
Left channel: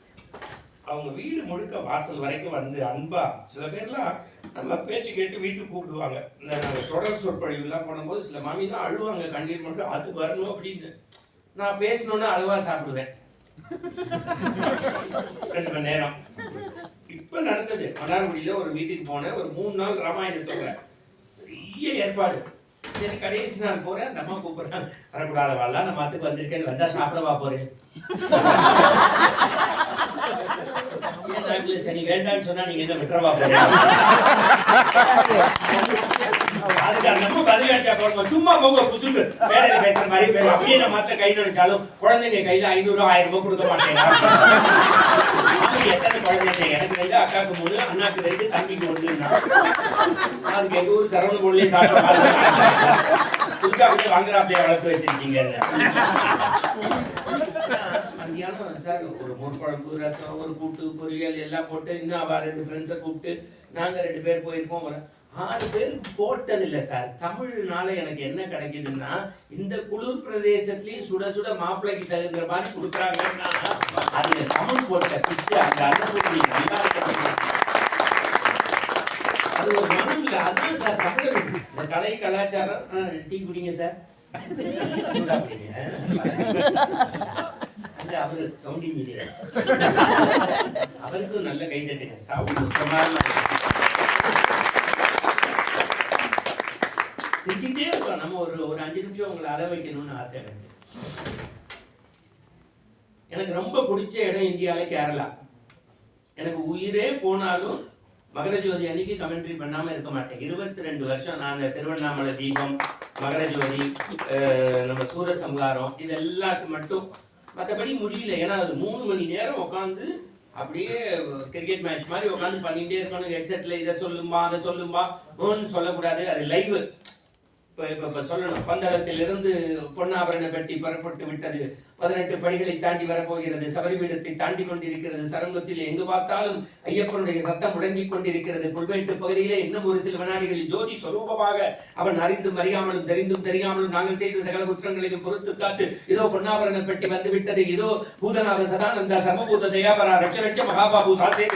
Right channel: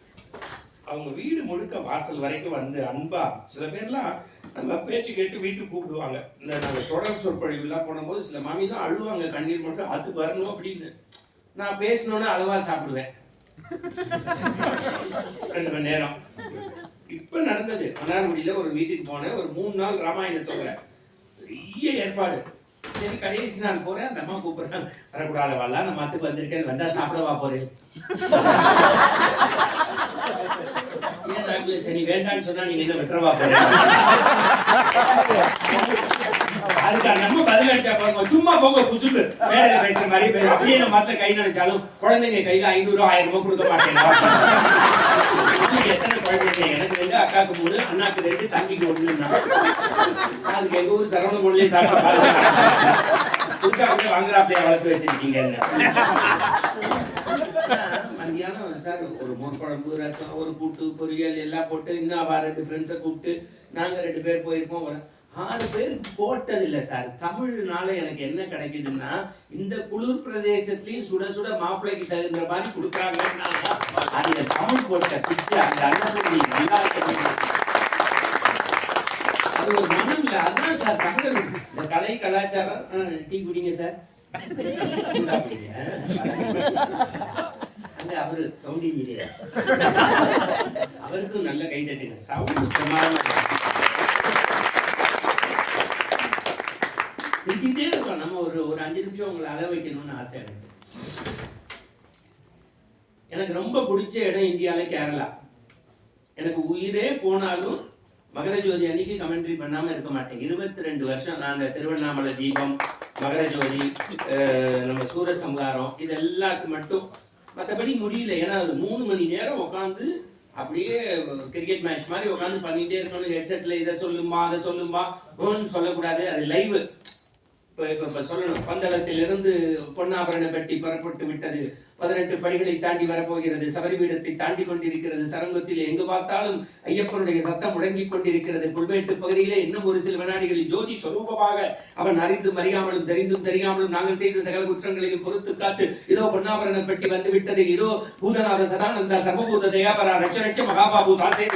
அவங்க வீடு முழுக்க வாசல் வரைக்கும் வந்து அன்பா, சில பேர்லாம் நம்ம பேச்சு கேட்டு வீட்டுக்கு கூப்பிடுவாங்க. இந்த தொடர் சொற்பொழிவுலாம் போடும்போது சில மாமி தான் அழுவாங்க, கண்ணீர் மட்டும் அது வரணும் அப்படின்னு. நான் பேசணும்னு அளவா சாப்பிடுவேன் 2 மணி நேரம். இப்ப நடந்தது மன்னார்குடியில ஒரு வீட்டுக்கு போனேன். ஒரு 3 நாள் ராமாயணத்தோட பெரிய ஏற்பாடு. சரி, கடைசி நாள் போறேன், அந்த அம்மா கூப்பிடுறாங்க, வரக்கூடாதவாளா, நம்ம அதுக்கு வந்திருக்கேன், வந்தா சாப்பிடவா போறேன். ஏன் நாட்டுல சரி வேண்டான்னு சொன்னா நீங்க என்ன விட்டுறவா போறீங்க? அதுக்கு அந்த அம்மா பதில் அடிச்சா பாருங்க, சும்மா போங்க குசுக்கு மேடையில பேசுற மாதிரி பேச. அப்படியே நம்ம மத்த கையில நினைச்சாலும் குழந்தைங்க கையில 500 1000 ரூபாய் கொடுக்க மாட்டேங்க. எத்தனை குழந்தைங்க? எனக்கு 2, அக்காவுக்கு 3, அண்ணாக்கு 2, தம்பிக்கு 1. அதுக்கு எங்க ஊர் சரவண பொருளே சாப்பிட துர்கா விட்டு வாங்குறாப்லையா வளர்த்து வச்சிருக்கீங்கன்னு. மத்தியானம் சார் ஒரு மோர் குழம்பு, ரசம், ஒரு கூட்டு, பொரியல் எல்லாம் போட்டு, இன்னும் அவ 2 ஃப்ரெண்ட்ஸை கூப்பிட்டு நாங்க 2 பேர் போயிருக்கோம். 6 பேர் போட்டதில்லை சார். தமிழ்னால எனக்கு என்ன கிடைக்குதுன்னா, இந்த குளிர் பிரதேசத்துலயும் சுட சுட மாப்பிள்ளைக்கு தகுந்த மாதிரி கொடுக்குறாங்கன்னா அது தமிழ் போட்ட பிச்சு. அந்த அன்னபூர்ணி நல்லா இருக்கு, அது ஒரு மனம் இல்லை. அதுதான் சார் தமிழர். இந்த கலை கலாச்சாரம். டீ குடிங்க சார், சூடா குடிங்க. அவரு சவுண்ட் இன்ஜினியர், அவருக்கும் நல்ல கை தட்டுங்க. சவுண்ட் பிரமாதமா செஞ்சுட்டே இருக்கோம். நம்ம ஒரு 5 நிமிஷம் உங்களை அழ வைக்கணும்னு ஆசை எனக்கு. எனக்கு ரொம்ப பிடிச்ச இடம் இந்தியாவில் கேரளா. எனக்கு உயிரே போனாலும் மகரஜோதி அன்னைக்கு கமெண்ட்ரி பண்ணாமல் இருக்க மாட்டேன். 22 வருஷம் நான் அந்த திருவண்ணாமலை தீபம், மகரஜோதி, நம்ம சூரசம்ஹாரம் இது எல்லாத்துக்கு மட்டும், மற்றபடி முடியல. ஏன்னா அது 3 மணி நேரம் உட்காந்து அப்படியே கிரிக்கெட் மேட்ச் மாதிரி உட்காந்து பண்ணிகிட்டே இருக்கணும். ஹெட்செட்டில் இதை சொல்லும்பா அதை சொல்லும்பா சொல்லக்கூடாது, அது லைவு. இப்போ சொல்லணும், பந்தளத்திலிருந்து பொன்னாபரண பெட்டி புறப்பட்டு விட்டது, 18 படிகளை தாண்டி வரப்போகிறது, சபரிபீடத்தை தாண்டி கொண்டிருக்கிறது, சரங்கத்தில் எங்கு பார்த்தாலும் ஐயப்பனுடைய சத்தம் முழங்கிக் கொண்டிருக்கிறது, புல்மேட்டு பகுதியிலே இன்னும் ஒரு சில வினாடிகளில் ஜோதி சொரூபமாக அவன் அறிந்தும் அறியாமலும் தெரிந்தும் தெரியாமலும் நாங்கள் செய்த சகல குற்றங்களையும் பொறுத்து காத்து இதோ பொன்னாபரண பெட்டி வந்து விட்டது, இதோ பூதநாத சதானந்த சர்வபூத தயாபரா ரட்ச ரட்ச மகாபாபு சாசே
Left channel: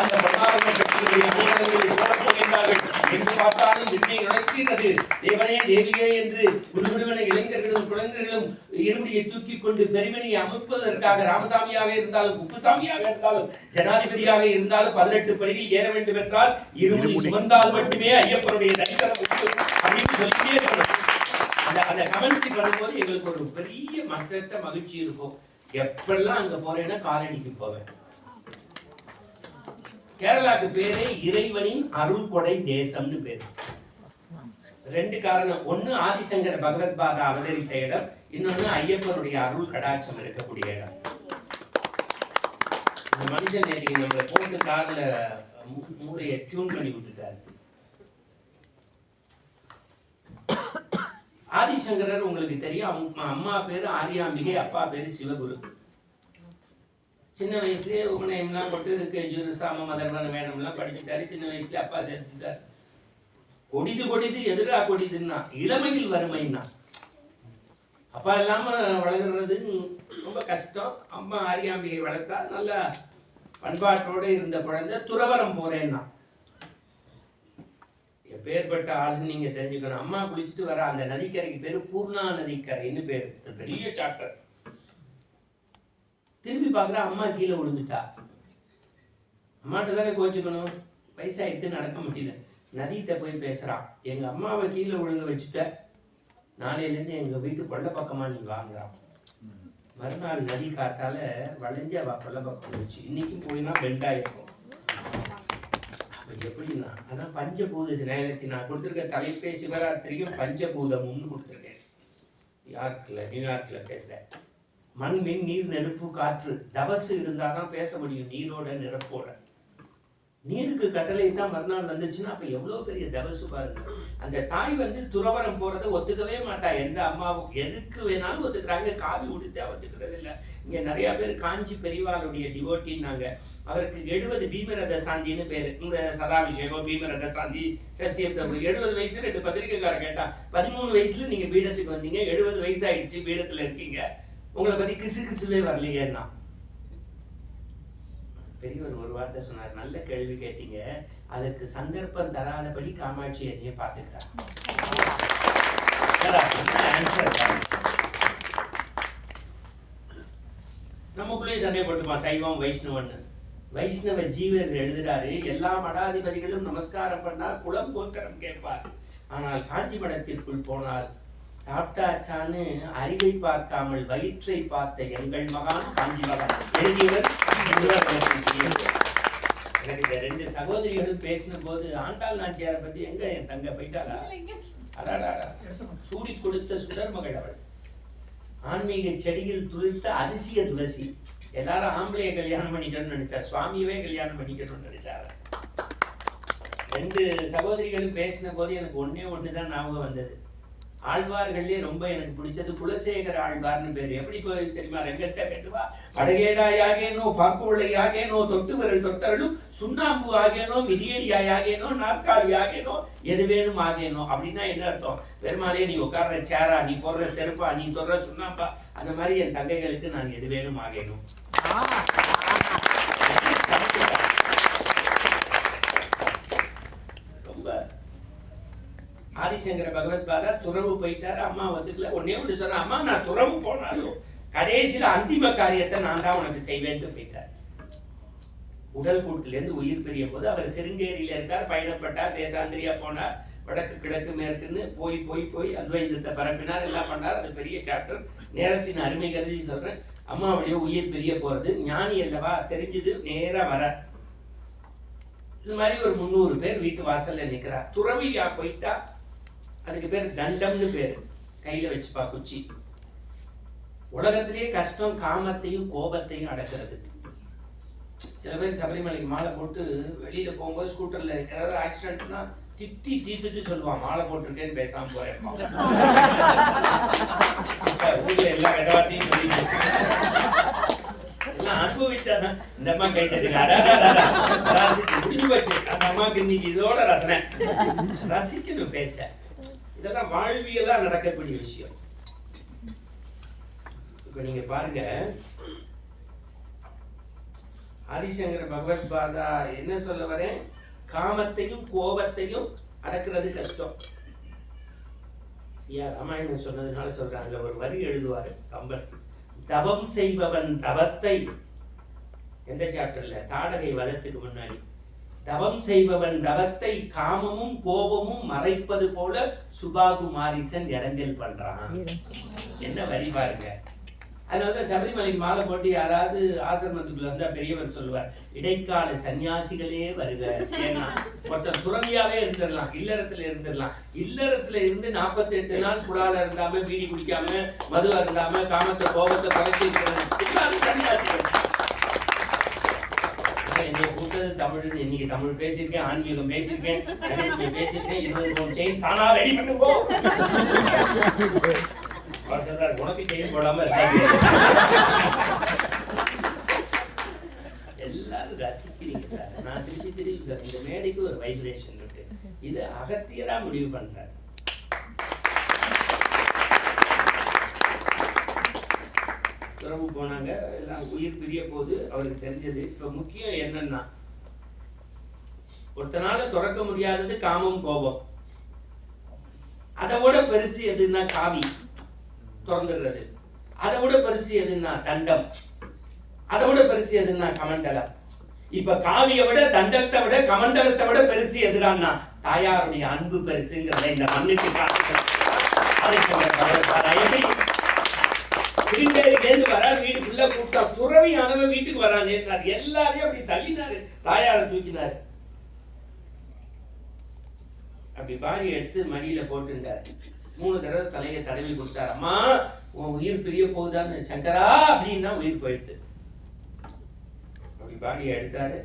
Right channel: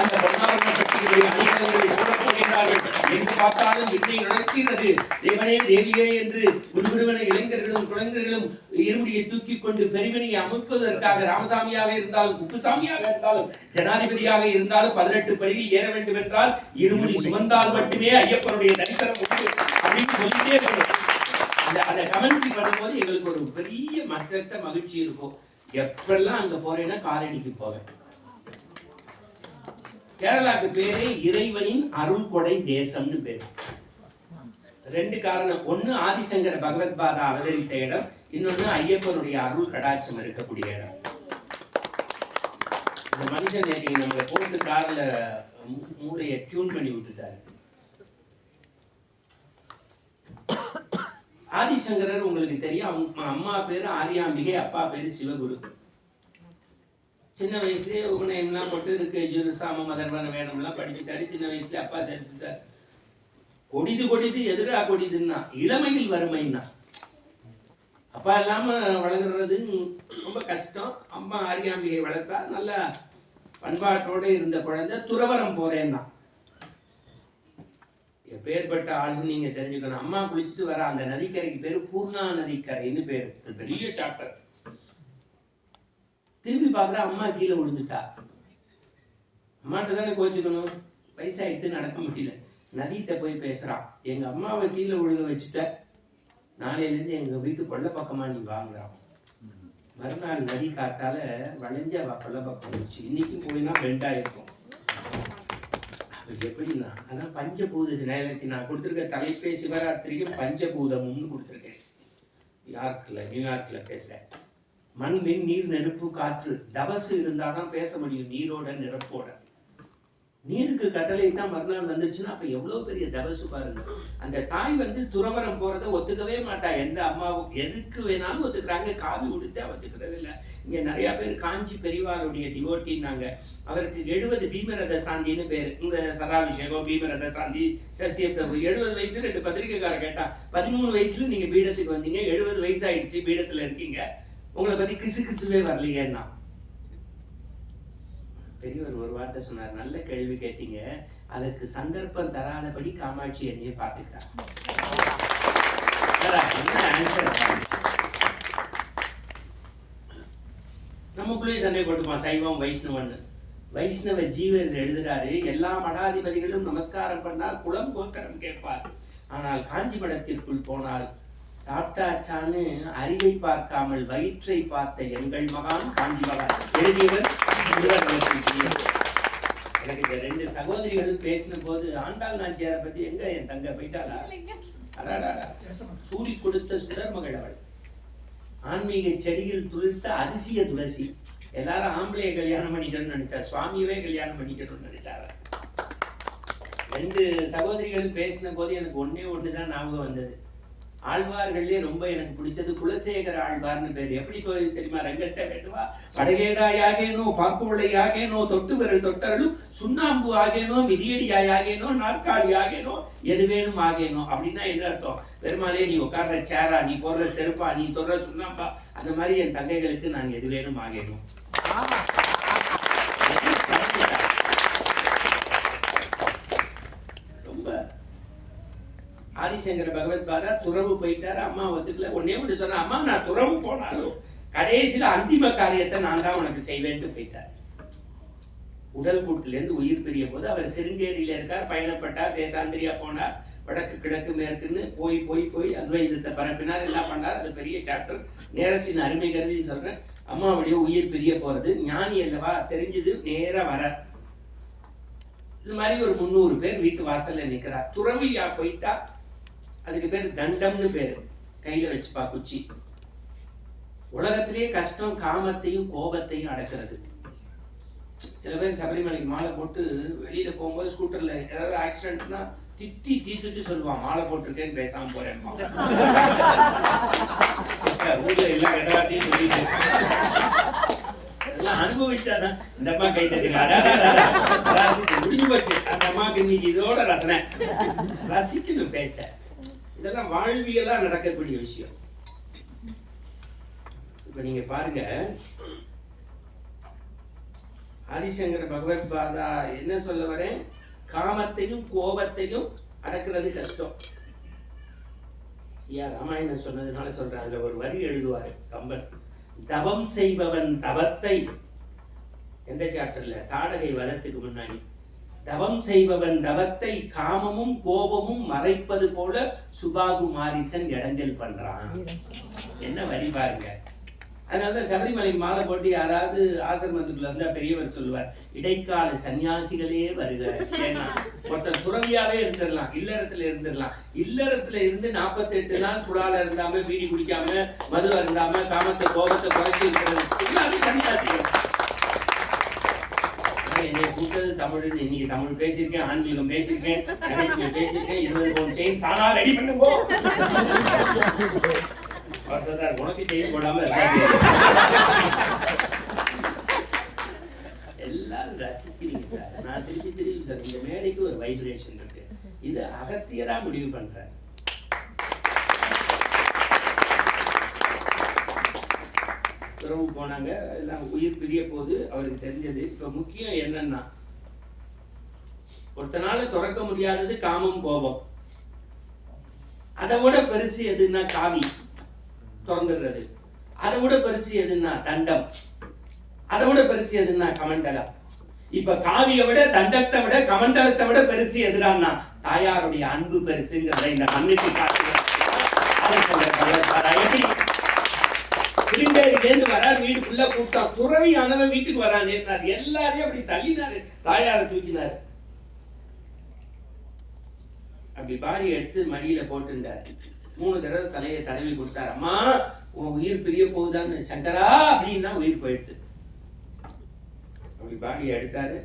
அந்த பொன்னாபரண பெட்டிகளுடைய போகின்றார்கள். எங்கு பார்த்தாலும் விண்ணை நுழைக்கிறது, தேவனே தேவியே என்று விடுவிடுவன இளைஞர்களும் குழந்தைகளும் இருமுடியை தூக்கி கொண்டு பெருமணியை அமைப்பதற்காக ராமசாமியாக இருந்தாலும் குப்புசாமியாக இருந்தாலும் ஜனாதிபதியாக இருந்தாலும் 18 படியில் ஏற வேண்டும் என்றால் இருமுடி சுமந்தால் மட்டுமே ஐயப்பனுடைய தரிசனம் அப்படின்னு சொல்லிட்டே இருக்கணும். அந்த கமெண்ட்ரி பண்ணும்போது எங்களுக்கு ஒரு பெரிய மற்றற்ற மகிழ்ச்சி இருக்கும். எப்பெல்லாம் அங்க போறேன்னா காலடிக்கு போவேன். கேரளாக்கு பேரே இறைவனின் அருள் கொடை தேசம்னு பேரு. 2 காரணம். ஒன்னு ஆதிசங்கர பகவத் பாதா அவதரித்த இடம், இன்னொன்னு ஐயப்பனுடைய அருள் கடாட்சம் இருக்கக்கூடிய இடம். இந்த மனுஷன் நேற்று நம்மளை போட்டு கார்ல மூளையை டியூன் பண்ணி விட்டுட்டாரு. ஆதிசங்கரர் உங்களுக்கு தெரியும், அவங்க அம்மா பேரு ஆரியாம்பிகை, அப்பா பேரு சிவகுரு. சின்ன வயசுலேயே உபநயம்லாம் போட்டு இருக்கு, ஜுரு சாம மதர்வன வேணும்லாம் படிச்சுட்டாரு. சின்ன வயசுல அப்பா சேர்த்துட்டார். கொடிது எதிரா கொடிதுன்னா இளமையில் வறுமைன்னா. அப்பா இல்லாம வளர்கிறது ரொம்ப கஷ்டம். அம்மா ஆரியாம்பிகை வளர்த்தா நல்ல பண்பாட்டோடு இருந்த குழந்தை. துறவரம் போறேன்னா எப்பேற்பட்ட ஆளுன்னு நீங்க தெரிஞ்சுக்கணும். அம்மா குளிச்சுட்டு வர அந்த நதிக்கரைக்கு பேரு பூர்ணா நதிக்கரைன்னு பேரு. பெரிய சாப்டர். திரும்பி பார்க்குற அம்மா கீழே விழுந்துட்டா. அம்மாட்ட தானே கோச்சுக்கணும், வயசாயிட்டு நடக்க முடியல. நதிகிட்ட போய் பேசுறான், எங்க அம்மாவை கீழே விழுங்க வச்சுட்ட, நாளையிலேருந்து எங்க வீட்டு கொள்ள பக்கமா நீ வாங்குறான். மறுநாள் நதி காத்தால வளைஞ்ச கொள்ள பக்கம் வச்சு, இன்னைக்கும் போயினா பெண்டா இருக்கும். எப்படின்னா அதான் பஞ்சபூத நேரத்துக்கு நான் கொடுத்துருக்க தலைப்பே சிவராத்திரிக்கும் பஞ்சபூதமும்னு கொடுத்துருக்கேன். நியூயார்க்ல பேசுறேன். மண், மின், நீர், நெருப்பு, காற்று, தபசு இருந்தாதான் பேச முடியும் நீரோட நெருப்போட. நீருக்கு கட்டளை தான் மறுநாள் வந்துருச்சுன்னா அப்ப எவ்வளவு பெரிய தபசு பாருங்க. அந்த தாய் துறவரம் போறதை ஒத்துக்கவே மாட்டா. எந்த அம்மாவும் எதுக்கு வேணாலும் ஒத்துக்கிறாங்க, காவி உடுத்த ஒத்துக்கிறது இல்லை. இங்க நிறைய பேர் காஞ்சி பெரியவாளுடைய டிவோட்டின்னாங்க. அவருக்கு 70 பீமரத சாந்தின்னு பேரு. இந்த சதாபிஷேகம், பீமரத சாந்தி, சஷ்டியப்தம். 70 வயசுல 2 பத்திரிக்கைக்கார கேட்டா, 13 வயசுல நீங்க பீடத்துக்கு வந்தீங்க, 70 வயசு ஆயிடுச்சு, பீடத்துல இருக்கீங்க, உங்களை பத்தி கிசுவே வரலையேன்னா. பெரியவர் ஒரு வார்த்தை சொன்னார், நல்ல கேள்வி கேட்டீங்க, அதுக்கு சந்தர்ப்பம் தராதபடி காமாட்சி என்னைய பார்த்துக்கிறார். நமக்குள்ளே சண்டை போட்டுப்பான் சைவம் வைஷ்ணவன்னு. வைஷ்ணவ ஜீவர் எழுதுறாரு, எல்லா மடாதிபதிகளும் நமஸ்காரம் பண்ணால் குலம் கோத்திரம் கேட்பார், ஆனால் காஞ்சி மடத்திற்குள் போனால் சாப்பிட்டாச்சான்னு அறிவை பார்க்காமல் வயிற்றை பார்த்த எங்கள் மகான் காஞ்சி மகான் எழுதியவர். எனக்கு இந்த 2 சகோதரிகளும் பேசின போது ஆண்டாள் நாச்சியாரை பத்தி, எங்க என் தங்க போயிட்டாளா, அடாடா சூடி கொடுத்த சுடர் மகள் அவள், ஆன்மீக செடியில் துளிர்த்த அதிசய துளசி. எல்லாரும் ஆம்பளைய கல்யாணம் பண்ணிக்கணும்னு நினைச்சா, சுவாமியவே கல்யாணம் பண்ணிக்கணும்னு நினைச்சாரு. 2 சகோதரிகளும் பேசின போது எனக்கு ஒண்ணுதான் ஞாபகம் வந்தது. ஆழ்வார்கள்லயே ரொம்ப எனக்கு பிடிச்சது குலசேகர ஆழ்வார்னு பேரு. எப்படி போய் தெரியுமா? ரெங்கட்ட கட்டுவா படகேடாயாகேனோ, பாக்குவளையாகேனோ, தொட்டு விரல் தொட்டர்களும் சுண்ணாம்பு ஆகேனோ, மிதியடியாயாகேனோ, நாற்காலி ஆகேனோ, எது வேணும் ஆகேனோ. அப்படின்னா என்ன அர்த்தம்? பெருமாளே நீ உட்கார்ற சேரா, நீ போடுற செருப்பா, நீ தொடுற சுண்ணாம்பா, அந்த மாதிரி என் தங்கைகளுக்கு நான் எது வேணும் ஆகேனோ. ரொம்ப ஆதிசங்கர பகவத் பாதா துறவு போயிட்டாரு. அம்மா ஒத்துக்கல. ஒன்னே ஒன்று சொன்ன, அம்மா நான் துறவு போனாலும் கடைசியில அந்திம காரியத்தை நான் தான் உனக்கு செய்வேன்ட்டு போயிட்டார். உடல் கூட்டிலேருந்து உயிர் பிரிய போது அவர் சிருங்கேரியில இருக்கார், பயணப்பட்டார், தேசாந்திரியா போனார், வடக்கு கிழக்கு மேற்குன்னு போய் போய் போய் அத்வைதத்தை பரப்பினார், எல்லாம் பண்ணார். அது பெரிய சாப்டர், நேரத்தின் அருமை கருதி சொல்றேன். அம்மாவுடைய உயிர் பிரிய போறது ஞானி அல்லவா, தெரிஞ்சது நேரா வர இது மாதிரி ஒரு 300 பேர் வீட்டு வாசல்ல நிக்கிறா. துறவியா போயிட்டா அதுக்கு பேர் தண்டம்னு பேரு. கையில வச்சுப்பா குச்சி. உலகத்திலேயே கஷ்டம் காமத்தையும் கோபத்தையும் அடக்கிறது. சில பேர் சபரிமலைக்கு மாலை போட்டு வெளியில போகும்போது ஸ்கூட்டர்ல ஏதாவது ஆக்சிடென்ட்னா தீத்துட்டு சொல்லுவான், மாலை போட்டிருக்கேன்னு பேசாம போறேன். ஊர்ல எல்லா கெட்டவார்த்தையும் சொல்லிட்டு எல்லாம் அனுபவிச்சாதான் இந்த அம்மா கை தட்டுங்க. முடிஞ்சு போச்சு அந்த அம்மாவுக்கு இன்னைக்கு இதோட ரசனை. ரசிக்கணும் பேச்ச. இதெல்லாம் வாழ்வியலா நடக்கக்கூடிய விஷயம். இப்ப நீங்க பாருங்க, ஆதிசங்கர பகவத் பாதா என்ன சொல்ல வரேன், காமத்தையும் கோபத்தையும் அடக்கிறது கஷ்டம். ராமாயணம் சொன்னதுனால சொல்றேன். அதுல ஒரு வரி எழுதுவாரு கம்பன், தவம் செய்பவன் தவத்தை, எந்த சாப்டர்ல, தாடகை வதத்துக்கு முன்னாடி, தவம் செய்பவன் தவத்தை காமமும் கோபமும் மறைப்பது போல சுபாகுமாரிசன் இடைஞ்சல் பண்றான். என்ன வரி பாருங்க. அதனாலதான் சபரிமலை மாலை போட்டு யாராவது ஆசிரமத்துக்குள்ள இருந்தா பெரியவர் சொல்லுவார், இடைக்கால சன்னியாசிகளே வருக. ஏன்னா ஒருத்தர் துறவியாவே இருந்துடலாம், இல்லறத்துல இருந்துடலாம். இல்லறத்துல இருந்து 48 நாள் குடால இருந்தாம, பீடி குடிக்காம, மது அருந்தாம, காமத்தை கோபத்தை குறைச்சி இருக்கிறது எல்லாமே சன்னியாசிகள். என்னை கூட்டது தமிழ்னு இன்னைக்கு தமிழ் பேசியிருக்கேன், ஆன்மீகம் பேசியிருக்கேன், நகைச்சுவை பேசியிருக்கேன். 20 பவுன் செயின் சானா ரெடி பண்ணுங்க. உனக்கு செய்ய போடாம இருக்காது. எல்லாரும் ரசிக்கிறீங்க சார். நான் திருப்பி சார், இந்த மேடைக்கு ஒரு வைப்ரேஷன் இருக்கு. இது அகத்தியரா முடிவு பண்ற. துறவு போனாங்க, எல்லாம் உயிர் பிரிய போது அவருக்கு தெரிஞ்சது. இப்ப முக்கியம் என்னன்னா, ஒருத்தனால துறக்க முடியாதது காமம் கோபம். அதை விட பெருசு எதுன்னா காவி திறந்துடுறது. அதை விட பெருசு எதுன்னா தண்டம். அதை விட பெருசு எதுன்னா கமண்டலம். இப்ப காவியை விட, தண்டத்தை விட, கமண்டலத்தை விட பெருசு எதுடான்னா தாயாருடைய அன்பு பெருசுங்கிறத இந்த மண்ணுக்கு காட்டுகிறது. திருந்தேரிலேருந்து வரா, வீடு ஃபுல்ல கூட்டம். துறவியானவன் வீட்டுக்கு வரான். எல்லாரையும் அப்படி தள்ளினாரு, தாயாரை தூக்கினாரு. அப்படி பாடி எடுத்து மடியில போட்டுட்டாரு. 3 தடவை தலையை தடவி கொடுத்தாரு. அம்மா உன் உயிர் பிரிய போகுதான்னு. சங்கரா அப்படின்னா உயிர் போயிடுது. அப்படி பாடியை எடுத்தாரு,